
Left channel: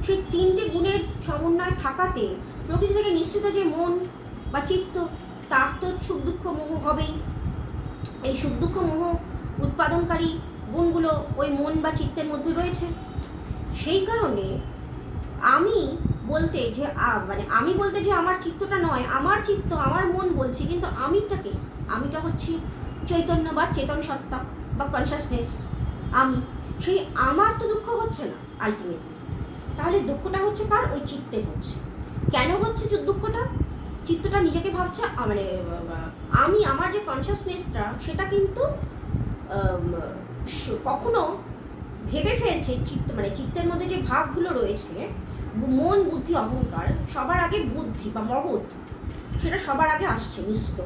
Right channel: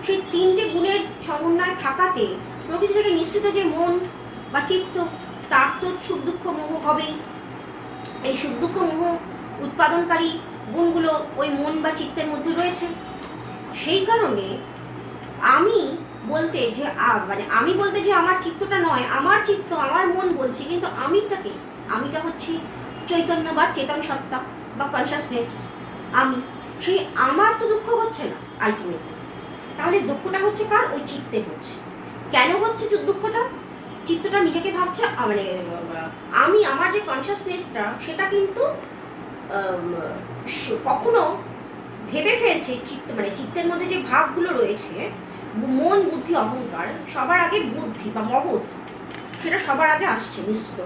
সেই তিনটে গুণের সমন্বয় থাকাতে প্রকৃতি থেকে নিঃসৃত যে মন বা চিত্ত, তার তো সুখ দুঃখ মোহ হবেই। এই সুখ দুঃখ মোহ উৎপাদনকারী গুণগুলো ওই মন বা চিত্তের মধ্যে রয়েছে। সেই কারণে আমি বলতে যে আমার চিত্তটা নয়, আমার চিত্ত আমার মন বলছি, কিন্তু আমিটা হচ্ছি চৈতন্য বা চেতন সত্তা বা কনসিয়াসনেস। আমি সেই আমার তো দুঃখ হচ্ছে না আলটিমেটলি। তাহলে দুঃখটা হচ্ছে কার? ওই চিত্তের হচ্ছে। কেন হচ্ছে দুঃখটা? চিত্তটা নিজেকে ভাবছে মানে আমি আমার যে কনসিয়াসনেসটা সেটা কিন্তু কখনো ভেবে ফেলছে মানে চিত্তের মধ্যে যে ভাবগুলো রয়েছে, মন, বুদ্ধি, অহংকার, সবার আগে বুদ্ধি বা মহৎ, সেটা সবার আগে আসছে নিশ্চিত।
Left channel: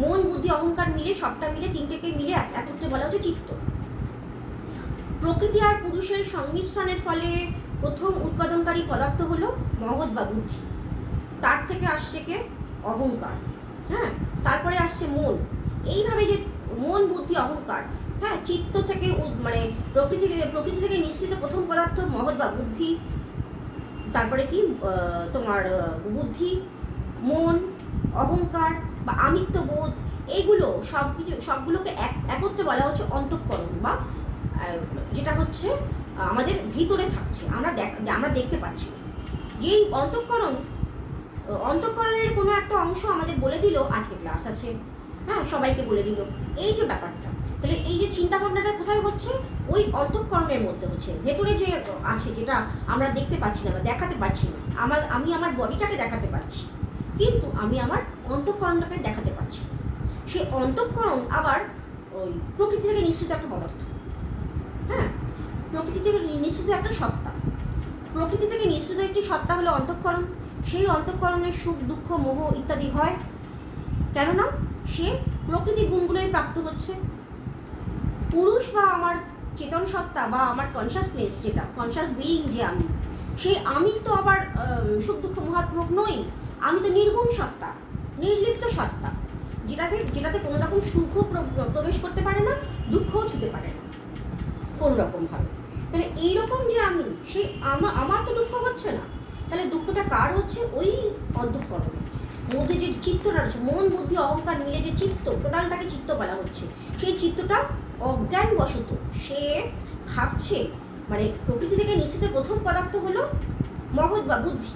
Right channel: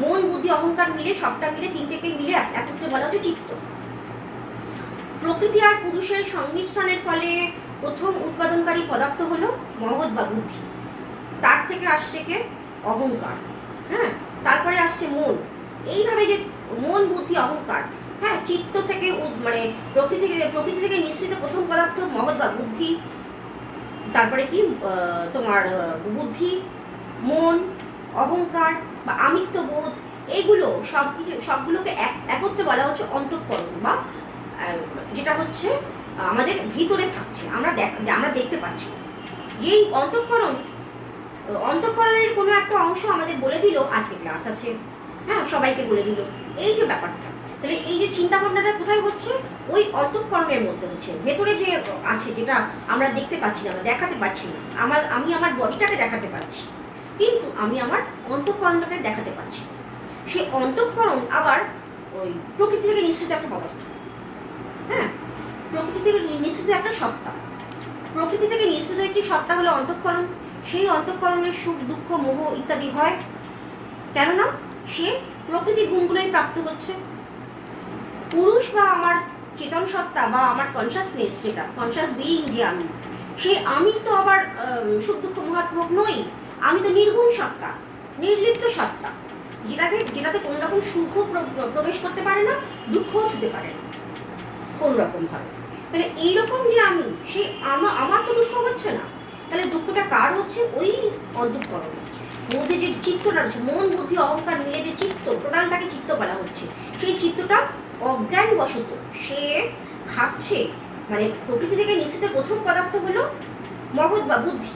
মন, বুদ্ধি, অহংকার মিলে, সবটা মিলে, তিনটেকে মিলে একত্রে বলা হচ্ছে চিত্ত। প্রকৃতি আর পুরুষের সংমিশ্রণের ফলে প্রথম উৎপাদনকারী পদার্থ হলো মহৎ বা বুদ্ধি। তার থেকে আসছে কে? অহংকার। হ্যাঁ, তারপরে আসছে মন। এইভাবে যে মন, বুদ্ধি, অহংকার, হ্যাঁ, চিত্ত থেকে মানে প্রকৃতি থেকে নিঃসৃত প্রথম পদার্থ মহৎ বা বুদ্ধি। তারপরে কি তোমার বুদ্ধি, মন, অহংকার বা আমিত্ববোধ, এইগুলো সবগুলোকে একত্রে বলা হচ্ছে অন্তঃকরণ, বা যেটা হচ্ছে আমাদের ভিতরে থাকছে, আমরা দেখতে পাচ্ছি। যেই অন্তঃকরণের কোনো একটা অংশ আমাদের বলে দিল আজকে ক্লাস আছে, হ্যাঁ, সবাইকে বলে দিল, এই যে ব্যাপারটা, তাহলে এই যে চিন্তা ভাবনাটা কোথায় হচ্ছে? ওই অন্তঃকরণের মধ্যে হচ্ছে। ভেতরে যে আছে, যেটা আমরা দেখতে পাচ্ছি না, দেখাতে পারছি না, আমি আমার বডিটাকে দেখাতে পারছি, কিন্তু আমি আমার অন্তঃকরণটাকে দেখাতে পারছি। সেই অন্তঃকরণ আবার ওই প্রকৃতি থেকে নিঃসৃত একটা পদার্থ। হ্যাঁ, প্রকৃতি থেকে নিঃসৃত একটা সত্তা। প্রকৃতি থেকে নিঃসৃত একটি সত্তা হলো অন্তঃকরণ। সেই অন্তঃকরণের সুখ, দুঃখ, মোহ ইত্যাদি হয়, কেননা সে প্রকৃতির গুণগুলোই প্রাপ্ত হচ্ছে। পুরুষ বা আমার চেতন সত্তা বা আমার কনসাসনেস, যেটা কনসাস বিইং, যে আমি, সেই আমি তো আবার সুখ, দুঃখ, মোহাত্মক নই। আমি তো নির্গুণ সত্তা, নির্লিপ্ত সত্তা, যেটাতে কোনো রকম সুখ প্রবেশ করতে পারে না, দুঃখও ছুতে পারে না কোন রকম ভাবে। তাহলে এইরকম যে আমি, সেই আমার তো দুঃখ হচ্ছে না, তাহলে দুঃখটা কার হচ্ছে? ওই অন্তঃকরণের মধ্যে যে চিত্তটা রয়েছে, মন, বুদ্ধি, অহংকার মিলে যে চিত্ত, টোটালটাকে চিত্ত বলা হচ্ছে। সেই চিত্তটা অজ্ঞানবশত সে ভাবছে, মানে প্রকৃতি থেকে নিঃসৃত প্রথম পদার্থ হলো মহৎ বা বুদ্ধি।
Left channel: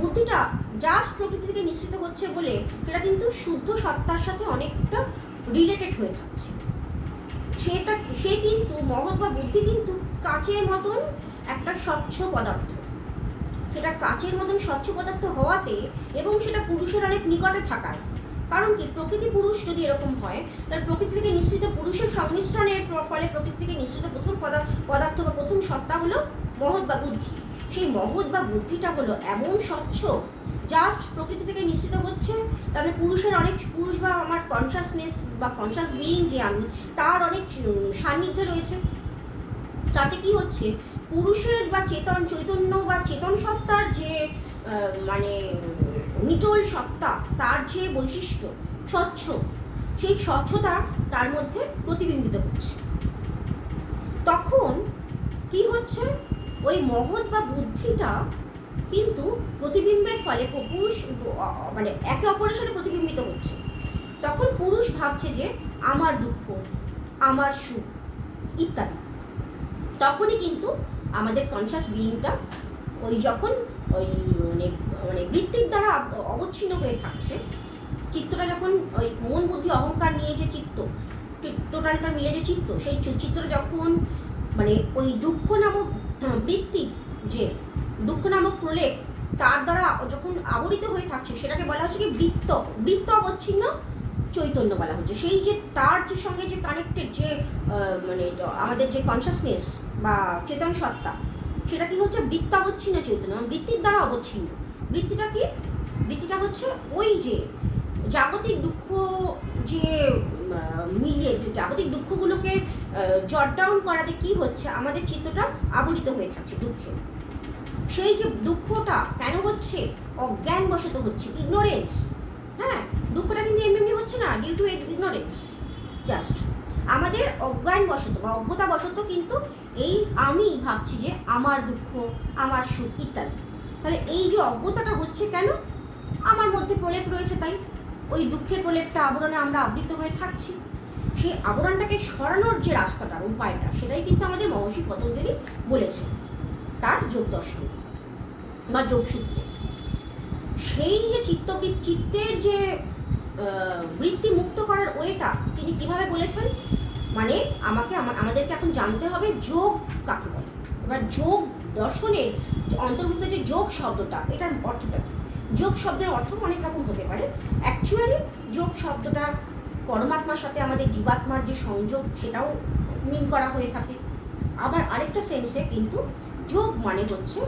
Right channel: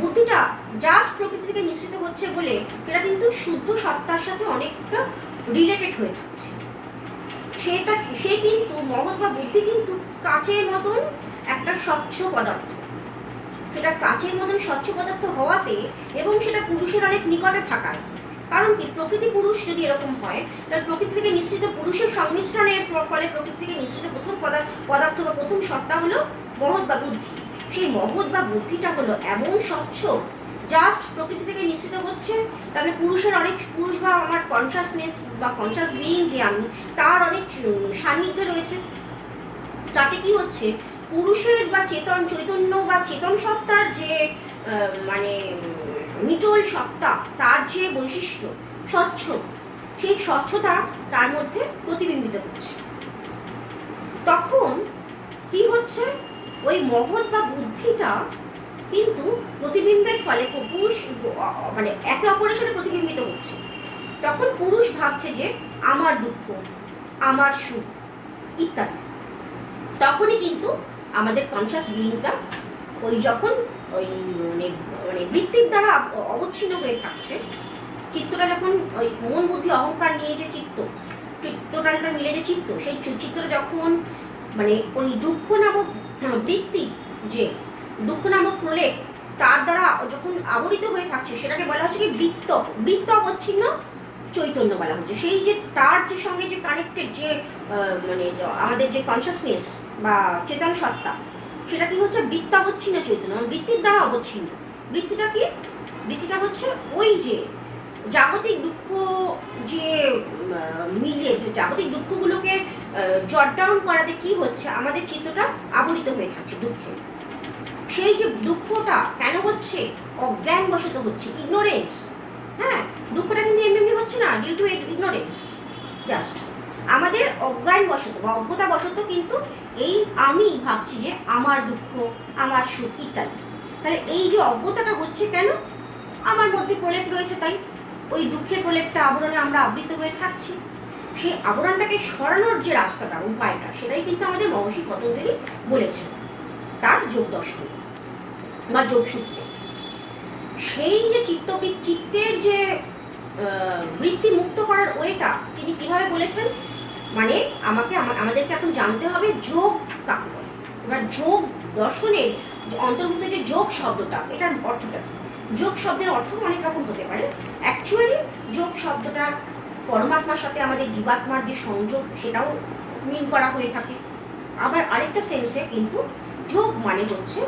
বুদ্ধিটা জাস্ট প্রকৃতি থেকে নিঃসৃত হচ্ছে বলে সেটা কিন্তু শুদ্ধ সত্তার সাথে অনেকটা রিলেটেড হয়ে থাকছে। সে কিন্তু মহৎ বা বুদ্ধি কিন্তু কাচের মতন একটা স্বচ্ছ পদার্থ। সেটা কাচের মতন স্বচ্ছ পদার্থ হওয়াতে, এবং সেটা পুরুষের অনেক নিকটে থাকায়, কারণ কি প্রকৃতি পুরুষ যদি এরকম হয়, তাহলে প্রকৃতি থেকে নিঃসৃত পুরুষের সংমিশ্রণের ফলে প্রকৃতি থেকে নিঃসৃত প্রথম পদার্থ বা প্রথম সত্তা হলো মহৎ বা বুদ্ধি। সেই মহৎ বা বুদ্ধিটা হলো এমন স্বচ্ছ, জাস্ট প্রকৃতি থেকে নিঃসৃত হচ্ছে, তাহলে পুরুষ বা আমার কনসাসনেস বা কনসাস বিইং যে আমি, তার অনেক সান্নিধ্যে রয়েছে। তাতে কি হচ্ছে? পুরুষের বা চৈতন্য বা চেতন সত্তার যে মানে নিটোল সত্তা, তার যে বৈশিষ্ট্য স্বচ্ছ, সেই স্বচ্ছতা তার মধ্যে প্রতিবিম্বিত হচ্ছে। তখন কি হচ্ছে? ওই মহৎ বা বুদ্ধিটা কিন্তু প্রতিবিম্বের ফলে পুরুষ মানে একে অপরের সাথে প্রতিবিম্বিত হচ্ছে। তখন পুরুষ ভাবছে যে আমার দুঃখ, আমার সুখ ইত্যাদি। তখনই কিন্তু আমাদের কনসাস বিইংটা যখন ওই মানে বৃত্তির দ্বারা অবচ্ছিন্ন হয়ে থাকছে, চিত্তটা যখন ওই মন, বুদ্ধি, অহংকার নিয়ে যে টোটালটা মিলে যে চিত্ত, সেই চিত্তটা যখন মানে ওই দুঃখ নামক বৃত্তি, যে দুঃখ নামক প্রলেপ, তার দ্বারা যখন আবরিত হয়ে থাকছে, সেটাকে বলা হচ্ছে কি বৃত্ত অবচ্ছিন্ন চৈতন্য বলা হচ্ছে। সেই যে তার যে সঙ্গে যে কানেক্টেড যে মানে আমাদের যে কনসাসনেস বা চেতন সত্তা, সেটা কি হচ্ছে? বৃত্তাবচ্ছিন্ন চৈতন্য, বৃত্তির দ্বারা অবচ্ছিন্ন। বৃত্তিটা কি? বৃত্তিটা হচ্ছে ওই যে জাগতিক দুঃখ, যে মিলিয়ে জাগতিক দুঃখগুলোকে জট ডাউন করাতে কি হচ্ছে? আমাদের চিত্তটা আবরিত হয়ে থাকছে দুঃখে। সেই যে দুঃখটা কেন হচ্ছে? অজ্ঞানবশত হচ্ছে, ইগনোরেন্স। হ্যাঁ, দুঃখটা কিন্তু এমনি হচ্ছে না, ডিউ টু ইগনোরেন্স। জাস্ট আমাদের অজ্ঞানবশত বা অজ্ঞতাবশত কিন্তু এই আমি ভাবছি যে আমার দুঃখ, আমার সুখ ইত্যাদি। তাহলে এই যে অজ্ঞতাটা হচ্ছে কেন? আমার মধ্যে প্রলেপ রয়েছে, তাই ওই দুঃখের প্রলেপটা, আবরণে আমরা আবৃত হয়ে থাকছি। সেই আবরণটাকে সরানোর যে রাস্তাটা, উপায়টা, সেটাই কিন্তু আমাদের মহর্ষি পতঞ্জলি বলেছে তার যোগ দর্শন বা যোগসূত্রে। সেই যে চিত্তের যে বৃত্তি মুক্ত করার ওয়েটা তিনি কিভাবে বলেছেন? মানে আমাদেরকে এখন জানতে হবে যোগ কাকে বলে। এবার যোগ দর্শনের অন্তর্ভুক্ত যে যোগ শব্দটা, এটার অর্থটা কি? যোগ শব্দের অর্থ অনেক রকম হতে পারে। অ্যাকচুয়ালি যোগ শব্দটা পরমাত্মার সাথে আমাদের জীবাত্মার যে সংযোগ, সেটাও মিন করা হয়ে থাকে। আবার আরেকটা সেন্সে কিন্তু যোগ মানে হচ্ছে,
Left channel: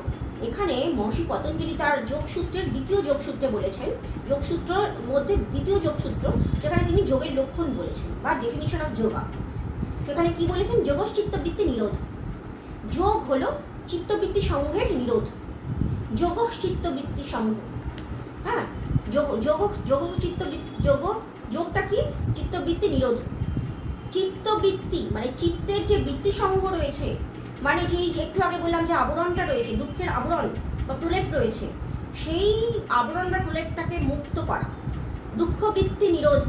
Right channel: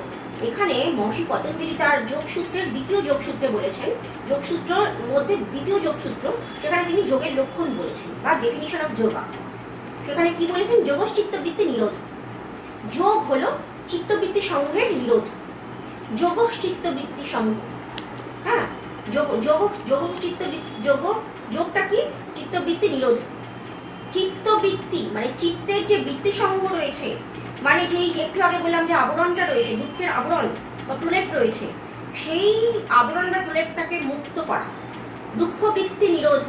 এখানে মহর্ষি পতঞ্জলি তার যোগসূত্রের দ্বিতীয় যোগসূত্রে বলেছেন, যোগসূত্রের মধ্যে দ্বিতীয় যোগসূত্র, সেখানে তিনি যোগের লক্ষণ বলেছেন বা ডেফিনিশন অফ যোগা। সেখানে কি বলেছেন? যোগস চিত্তবৃত্তি নিরোধ। যোগ হলো চিত্তবৃত্তি সমূহের নিরোধ। যোগস চিত্তবৃত্তি সমূহ, হ্যাঁ, যোগটা কি? চিত্তবৃত্তি নিরোধ। চিত্তবৃত্তি মানে চিত্তের যে বৃত্তি সমূহ রয়েছে, মানে যেই একটু আগে বললাম যে আবরণটা রয়েছে, দুঃখের আবরণ বা প্রলেপ রয়েছে, সেই আবরণ বা প্রলেপটাকে মুক্ত করা, দুঃখ বৃত্তি নিরোধ।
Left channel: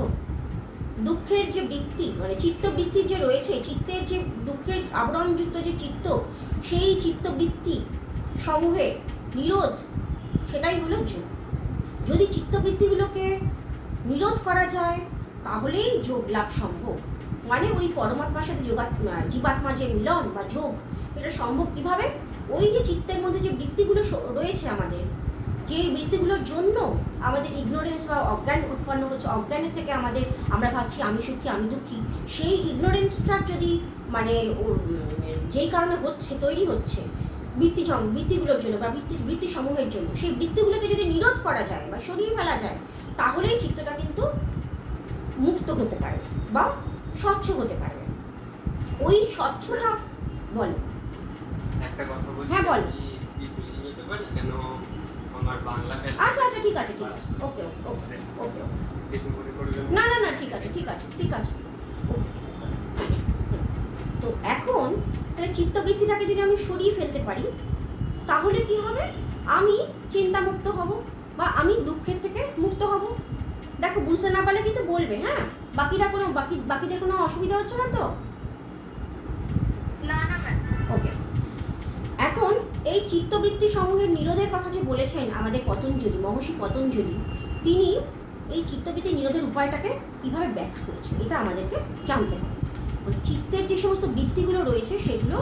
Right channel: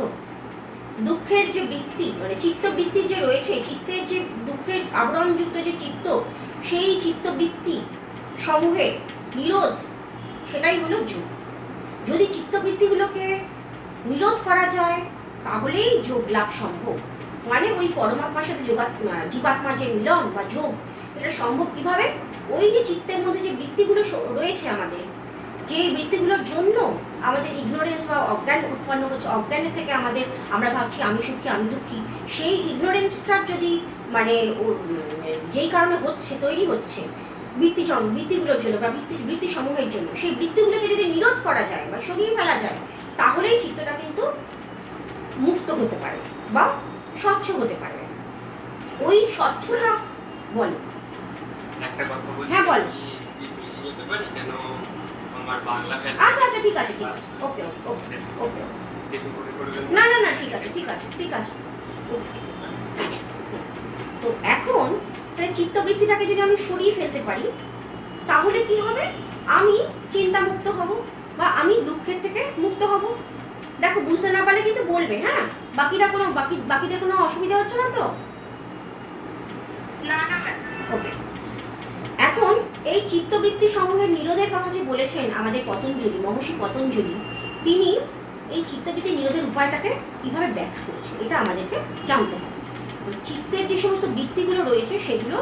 দুঃখের যে বৃত্তি মানে চিত্তবৃত্তি যে রয়েছে, চিত্তের যে দুঃখের আবরণযুক্ত যে চিত্ত, সেই চিত্তবৃত্তি সমূহের নিরোধ, সেটাই হলো যোগ। যদি চিত্তবৃত্তিগুলোকে নিরোধ করা যায় তাহলেই যোগ লাভ সম্ভব। মানে ওই পরমাত্মার সাথে জীবাত্মার যে মিলন বা যোগ, এটা সম্ভব কিভাবে? ওই যে চিত্তের মধ্যে যে বৃত্তিগুলো রয়েছে আমাদের, যে বৃত্তিগুলোর জন্য আমাদের ইগনোরেন্স বা অজ্ঞান উৎপন্ন হচ্ছে, অজ্ঞানের থেকে আমরা ভাবছি আমি সুখী আমি দুঃখী, সেই ইগনোরেন্সটার যদি মানে যেই কারণে তৈরি হচ্ছে বৃত্তিগুলোর জন্য বা বৃত্তি সমূহের জন্য, সেই বৃত্তিগুলোকে যদি নিরোধ করা যায় বা সরিয়ে ফেলা যায়, তাহলেই চিত্তটা কিন্তু মুক্ত হতে পারে বা স্বচ্ছ হতে পারে। ওই স্বচ্ছতা বলো। একটা কথা বলছি, হ্যাঁ, বলো। বলতে পারি কেন আমার বাংলা আচ্ছা আচ্ছা, ঠিক আছে ওকে ওকে ওকে, না না না, ঠিক আছে। তো এখন চিত্তবৃত্তিটাকে যদি আমি সরিয়ে ফেলতে পারি, তাহলে কি হবে? আমি চিন্তা মুক্ত হব বা আমি দুঃখের থেকে মুক্ত হব। দেখো, বুঝতে না পারলে কিন্তু বলবে, হ্যাঁ? বাকিদের কোনো অসুবিধা হচ্ছে না তো? না না ম্যাম। ওকে, এখন এই চিত্তবৃত্তি সমূহের নিরোধের কথা যে বলেছেন আমাদের মহর্ষি পতঞ্জলি, তিনি এই চিত্তবৃত্তি নিরোধের উপায়টাকে কিভাবে ব্যাখ্যা করেছেন, এটা আমাদেরকে জানতে হবে। চিত্তের যে সমস্ত বৃত্তিগুলো রয়েছে সেগুলো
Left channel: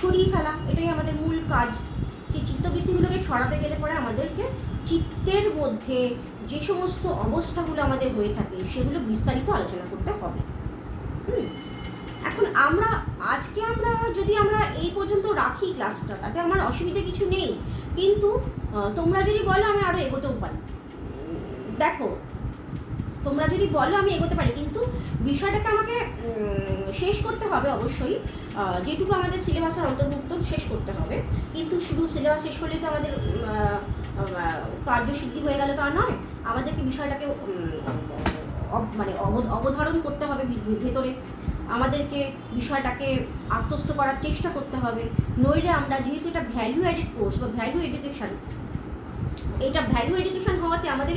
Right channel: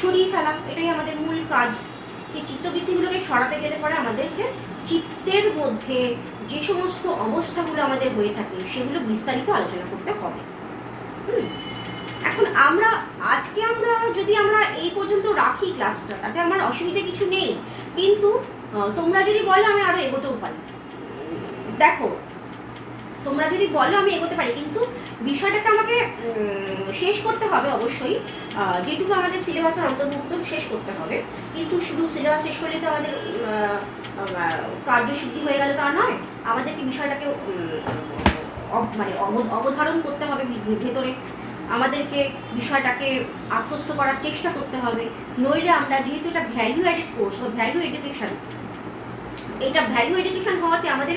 সরিয়ে ফেলা, এটাই আমাদের মূল কাজ। সেই চিত্তবৃত্তিগুলোকে সরাতে গেলে পরে আমাদেরকে চিত্তের মধ্যে যে সমস্ত অবস্থাগুলো আমাদের হয়ে থাকে সেগুলো বিস্তারিত আলোচনা করতে হবে। এখন আজকে যদি আমরা এই পর্যন্ত রাখি ক্লাসটা, তাতে আমার অসুবিধা কিছু নেই, কিন্তু তোমরা যদি বলো আমি আরো এগোতেও পারি। দেখো, তোমরা যদি বলো আমি এগোতে পারি, কিন্তু বিষয়টাকে আমাকে শেষ করতে হবে অবশ্যই। যেটুকু আমাদের সিলেবাসের অন্তর্ভুক্ত শেষ করতে হবে, কিন্তু শুধু সিলেবাস শেষ করলে তো আমাদের কার্যসিদ্ধি হয়ে গেলে তো আর নয়। আমাদেরকে বিষয়টাকে মানে অবধারণ করতে হবে ভেতরে, আমাদেরকে বিষয়টাকে আত্মস্থ করার চেষ্টা করতে হবে। নইলে আমরা, যেহেতু এটা ভ্যালু অ্যাডেড কোর্স বা ভ্যালু এডুকেশন, এটা ভ্যালু এডুকেশন হওয়াতে আমাদের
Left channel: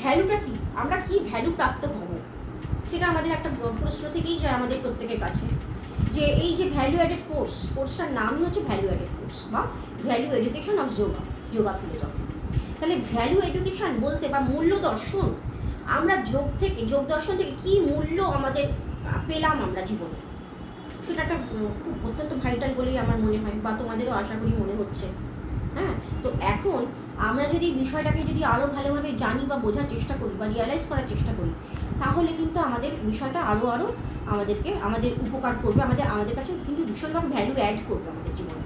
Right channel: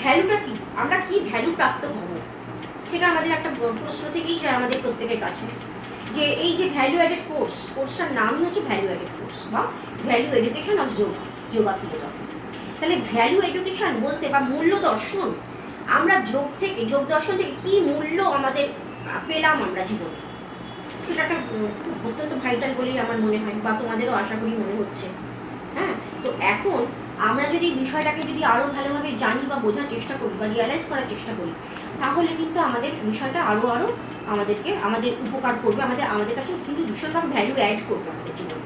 ভ্যালুটা কি, আমরা কি ভ্যালু প্রাপ্ত হব, সেটা আমাদের একটা প্রশ্ন থেকেই যায় আমাদের প্রত্যেকের কাছে, যে এই যে ভ্যালু অ্যাডেড কোর্সটার নামই হচ্ছে ভ্যালু অ্যাডেড কোর্স বা value education of yoga philosophy. তাহলে ভ্যালু এডুকেশন বলতে বা মূল্য দর্শন, আমরা যোগ দর্শন থেকে কি মূল্য আমাদের পেলাম আমরা জীবনে, সেটা একটা খুব অত্যন্ত ভাইটাল বলেই আমার মনে হয়, বা তোমাদেরও আশা করি মনে হচ্ছে। হ্যাঁ, তো এখন আমরা যদি বিষয়টাকে যদি আরও ভালোভাবে জানি বা বোঝার চেষ্টা করি বা রিয়ালাইজ করার চেষ্টা করি, তাহলে কিন্তু আমাদের বিষয়টা আরও আমাদের উপকার করবে, আমাদের কাছে কিন্তু ভীষণভাবে ভ্যালু অ্যাড করবে আমাদের জীবনে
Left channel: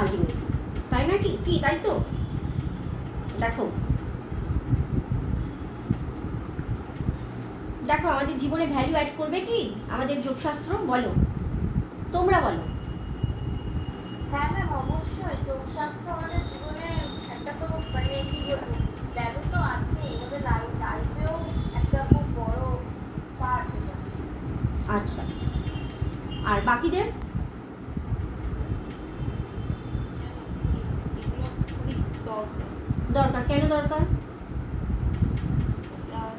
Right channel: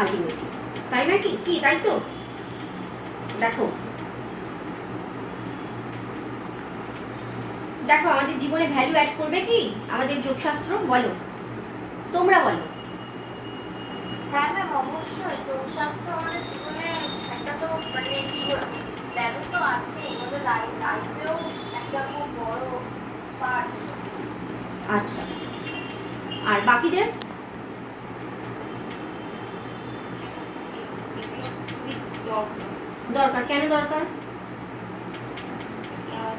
আলটিমেটলি, তাই না? কি তাই তো? দেখো আমাদের জীবনে ভ্যালু অ্যাড করবে কি আমাদের যোগশাস্ত্র? বলো, তোমরা বলো। হ্যাঁ ম্যাম, অবশ্যই যোগশাস্ত্র আমাদের জীবনে একটা তো মানে ভ্যালু তো আছে, আমাদের লাইফেও একটা খুব বড় পার্ট। আচ্ছা, আর বাকিদের? দরকার, কেন দরকার?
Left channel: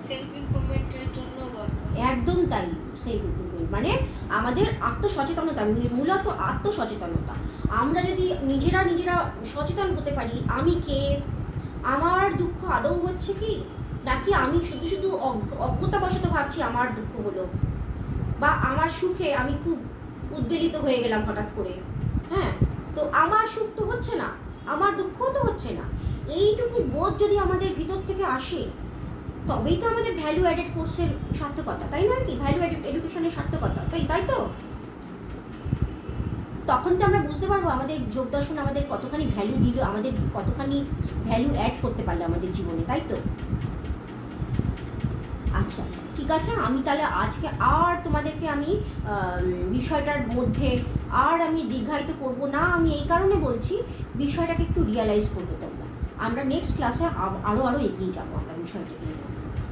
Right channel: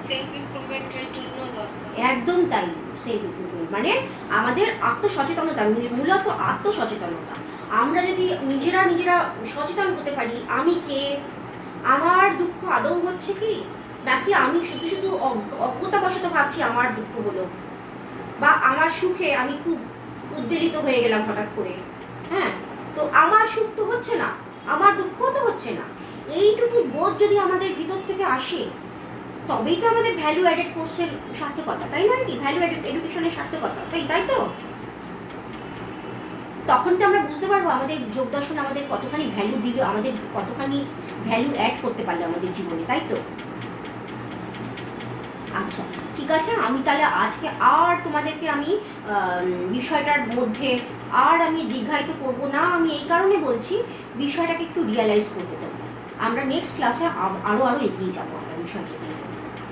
সেলফ ইমপ্রুভমেন্টের জন্য দরকার। একদম তাই, সেলফ ইমপ্রুভমেন্ট মানে আমাদের আত্মসচেতনতা, মূলত আত্মসচেতনতা। আমরা যদি নিজেরা সচেতন হতে পারি, আমি কে, আমার দুঃখ আদৌ হচ্ছে কি, নাকি আমি শুধু অজ্ঞতাবশত ভাবছি আমার দুঃখ হলো, বা আমার সুখে আমি খুব উদ্বেলিত হয়ে গেলাম হঠাৎ করে, হ্যাঁ, তো আমার সুখ তো হচ্ছে না, আমার দুঃখও তো হচ্ছে না। এইটুকু বোধ যদি আমাদের ভিতর থেকে আসে, তবেই তো আমাদের ভ্যালু অ্যাডেড কোর্সের সার্থকতা, তাই নয় কি? ভ্যালু এডুকেশনের সার্থকতা, তাই তো? তখন তো আমরা বুঝতে পারবো আমাদের যোগ দর্শন আমাদের কতখানি ভ্যালু দিল, আমাদের কতখানি ভ্যালু অ্যাড করতে পারলো আমাদের জীবনে, তাই তো? আচ্ছা, ঠিক আছে, আমি তাহলে আজকে আর তোমাদেরকে আমি বিষয়টার মধ্যে আর আমি দীর্ঘায়িত করব না। আমি এই কারণে বলছি, বিষয়টাকে একটু রিয়ালাইজ করতে তোমরা। আমরা নেক্সট ক্লাসে আরও এগিয়ে যাবো আমরা বিষয়টা নিয়ে।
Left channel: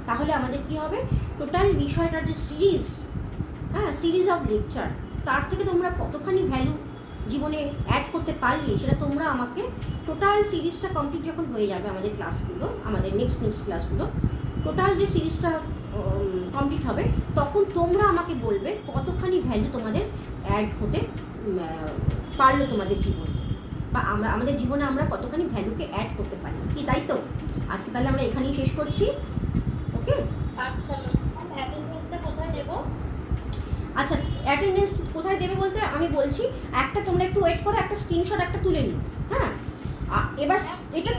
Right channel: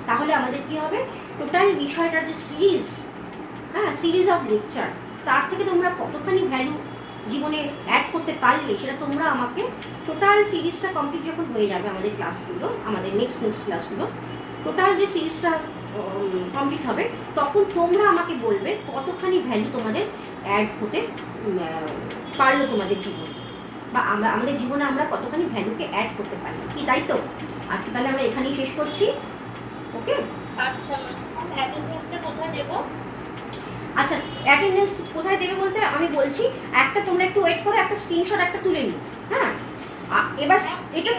তাহলে আমাদের কি হবে, টোটাল বিষয়টার যে সিরিজ, হ্যাঁ, সিরিজ অফ লেকচার, তার থেকে তোমরা কতখানি ভ্যালু জীবনে অ্যাড করতে পারলে সেটা তোমরা আমাকে, টোটাল সিরিজটা কমপ্লিট যখন হয়ে যাবে আমাদের ক্লাসগুলো, আমাদের নেক্সট ক্লাসগুলো, টোটাল যে সিরিজটা কমপ্লিট হবে, তখন তোমরা আমাকে বলবে কতখানি ভ্যালু তোমাদের অ্যাড হতে পারলো তোমাদের জীবনে, বা আমাদের জীবনে আমরা কতখানি ভ্যালুকে অ্যাড করতে পারলাম, কি তাই তো? আজকে তাহলে আমরা এখানেই শেষ করছি, ওকে? আচ্ছা ম্যাম, অ্যাটেন্ডেন্সটা কোথায় দেবো? আচ্ছা, অ্যাটেন্ডেন্স কোথায় দেবে বলতে আমি বলছি, একটা তোমরা একটু ওয়েট করো, একটা স্ক্রিনশট একটা তুলে নিও, হ্যাঁ? এবার এটা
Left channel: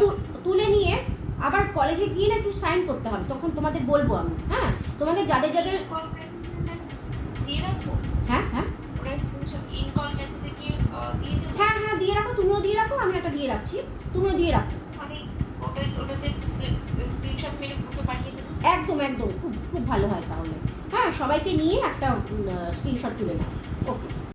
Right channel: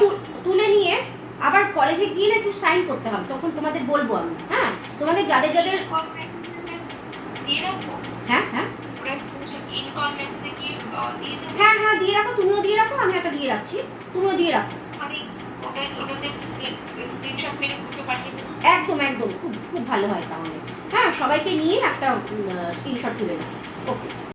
তুলে নিয়ে আবার কলেজে গিয়ে না একটু সাইন করতে হবে, তখন তোমাদের বলবো আমি, হ্যাঁ? তোমাদের যাদের দিয়ে রাখবো? হ্যাঁ হ্যাঁ ইনকল মেসেজে কি দিয়ে দেবো? হ্যাঁ হ্যাঁ দিয়ে রাখো, তুমিও দিয়ে রাখো, আমি একটা দিয়ে রাখছি, তুমিও দিয়ে রাখো। মানে ওটাতে স্ক্রিনশট মেরে গ্রুপে পাঠিয়ে দেবো? একদম একদম, খুব খুব ভালো হয় তাহলে। হ্যাঁ, সবাইকে নিয়ে একটা স্ক্রিনশট তুলে নাও, ওকে।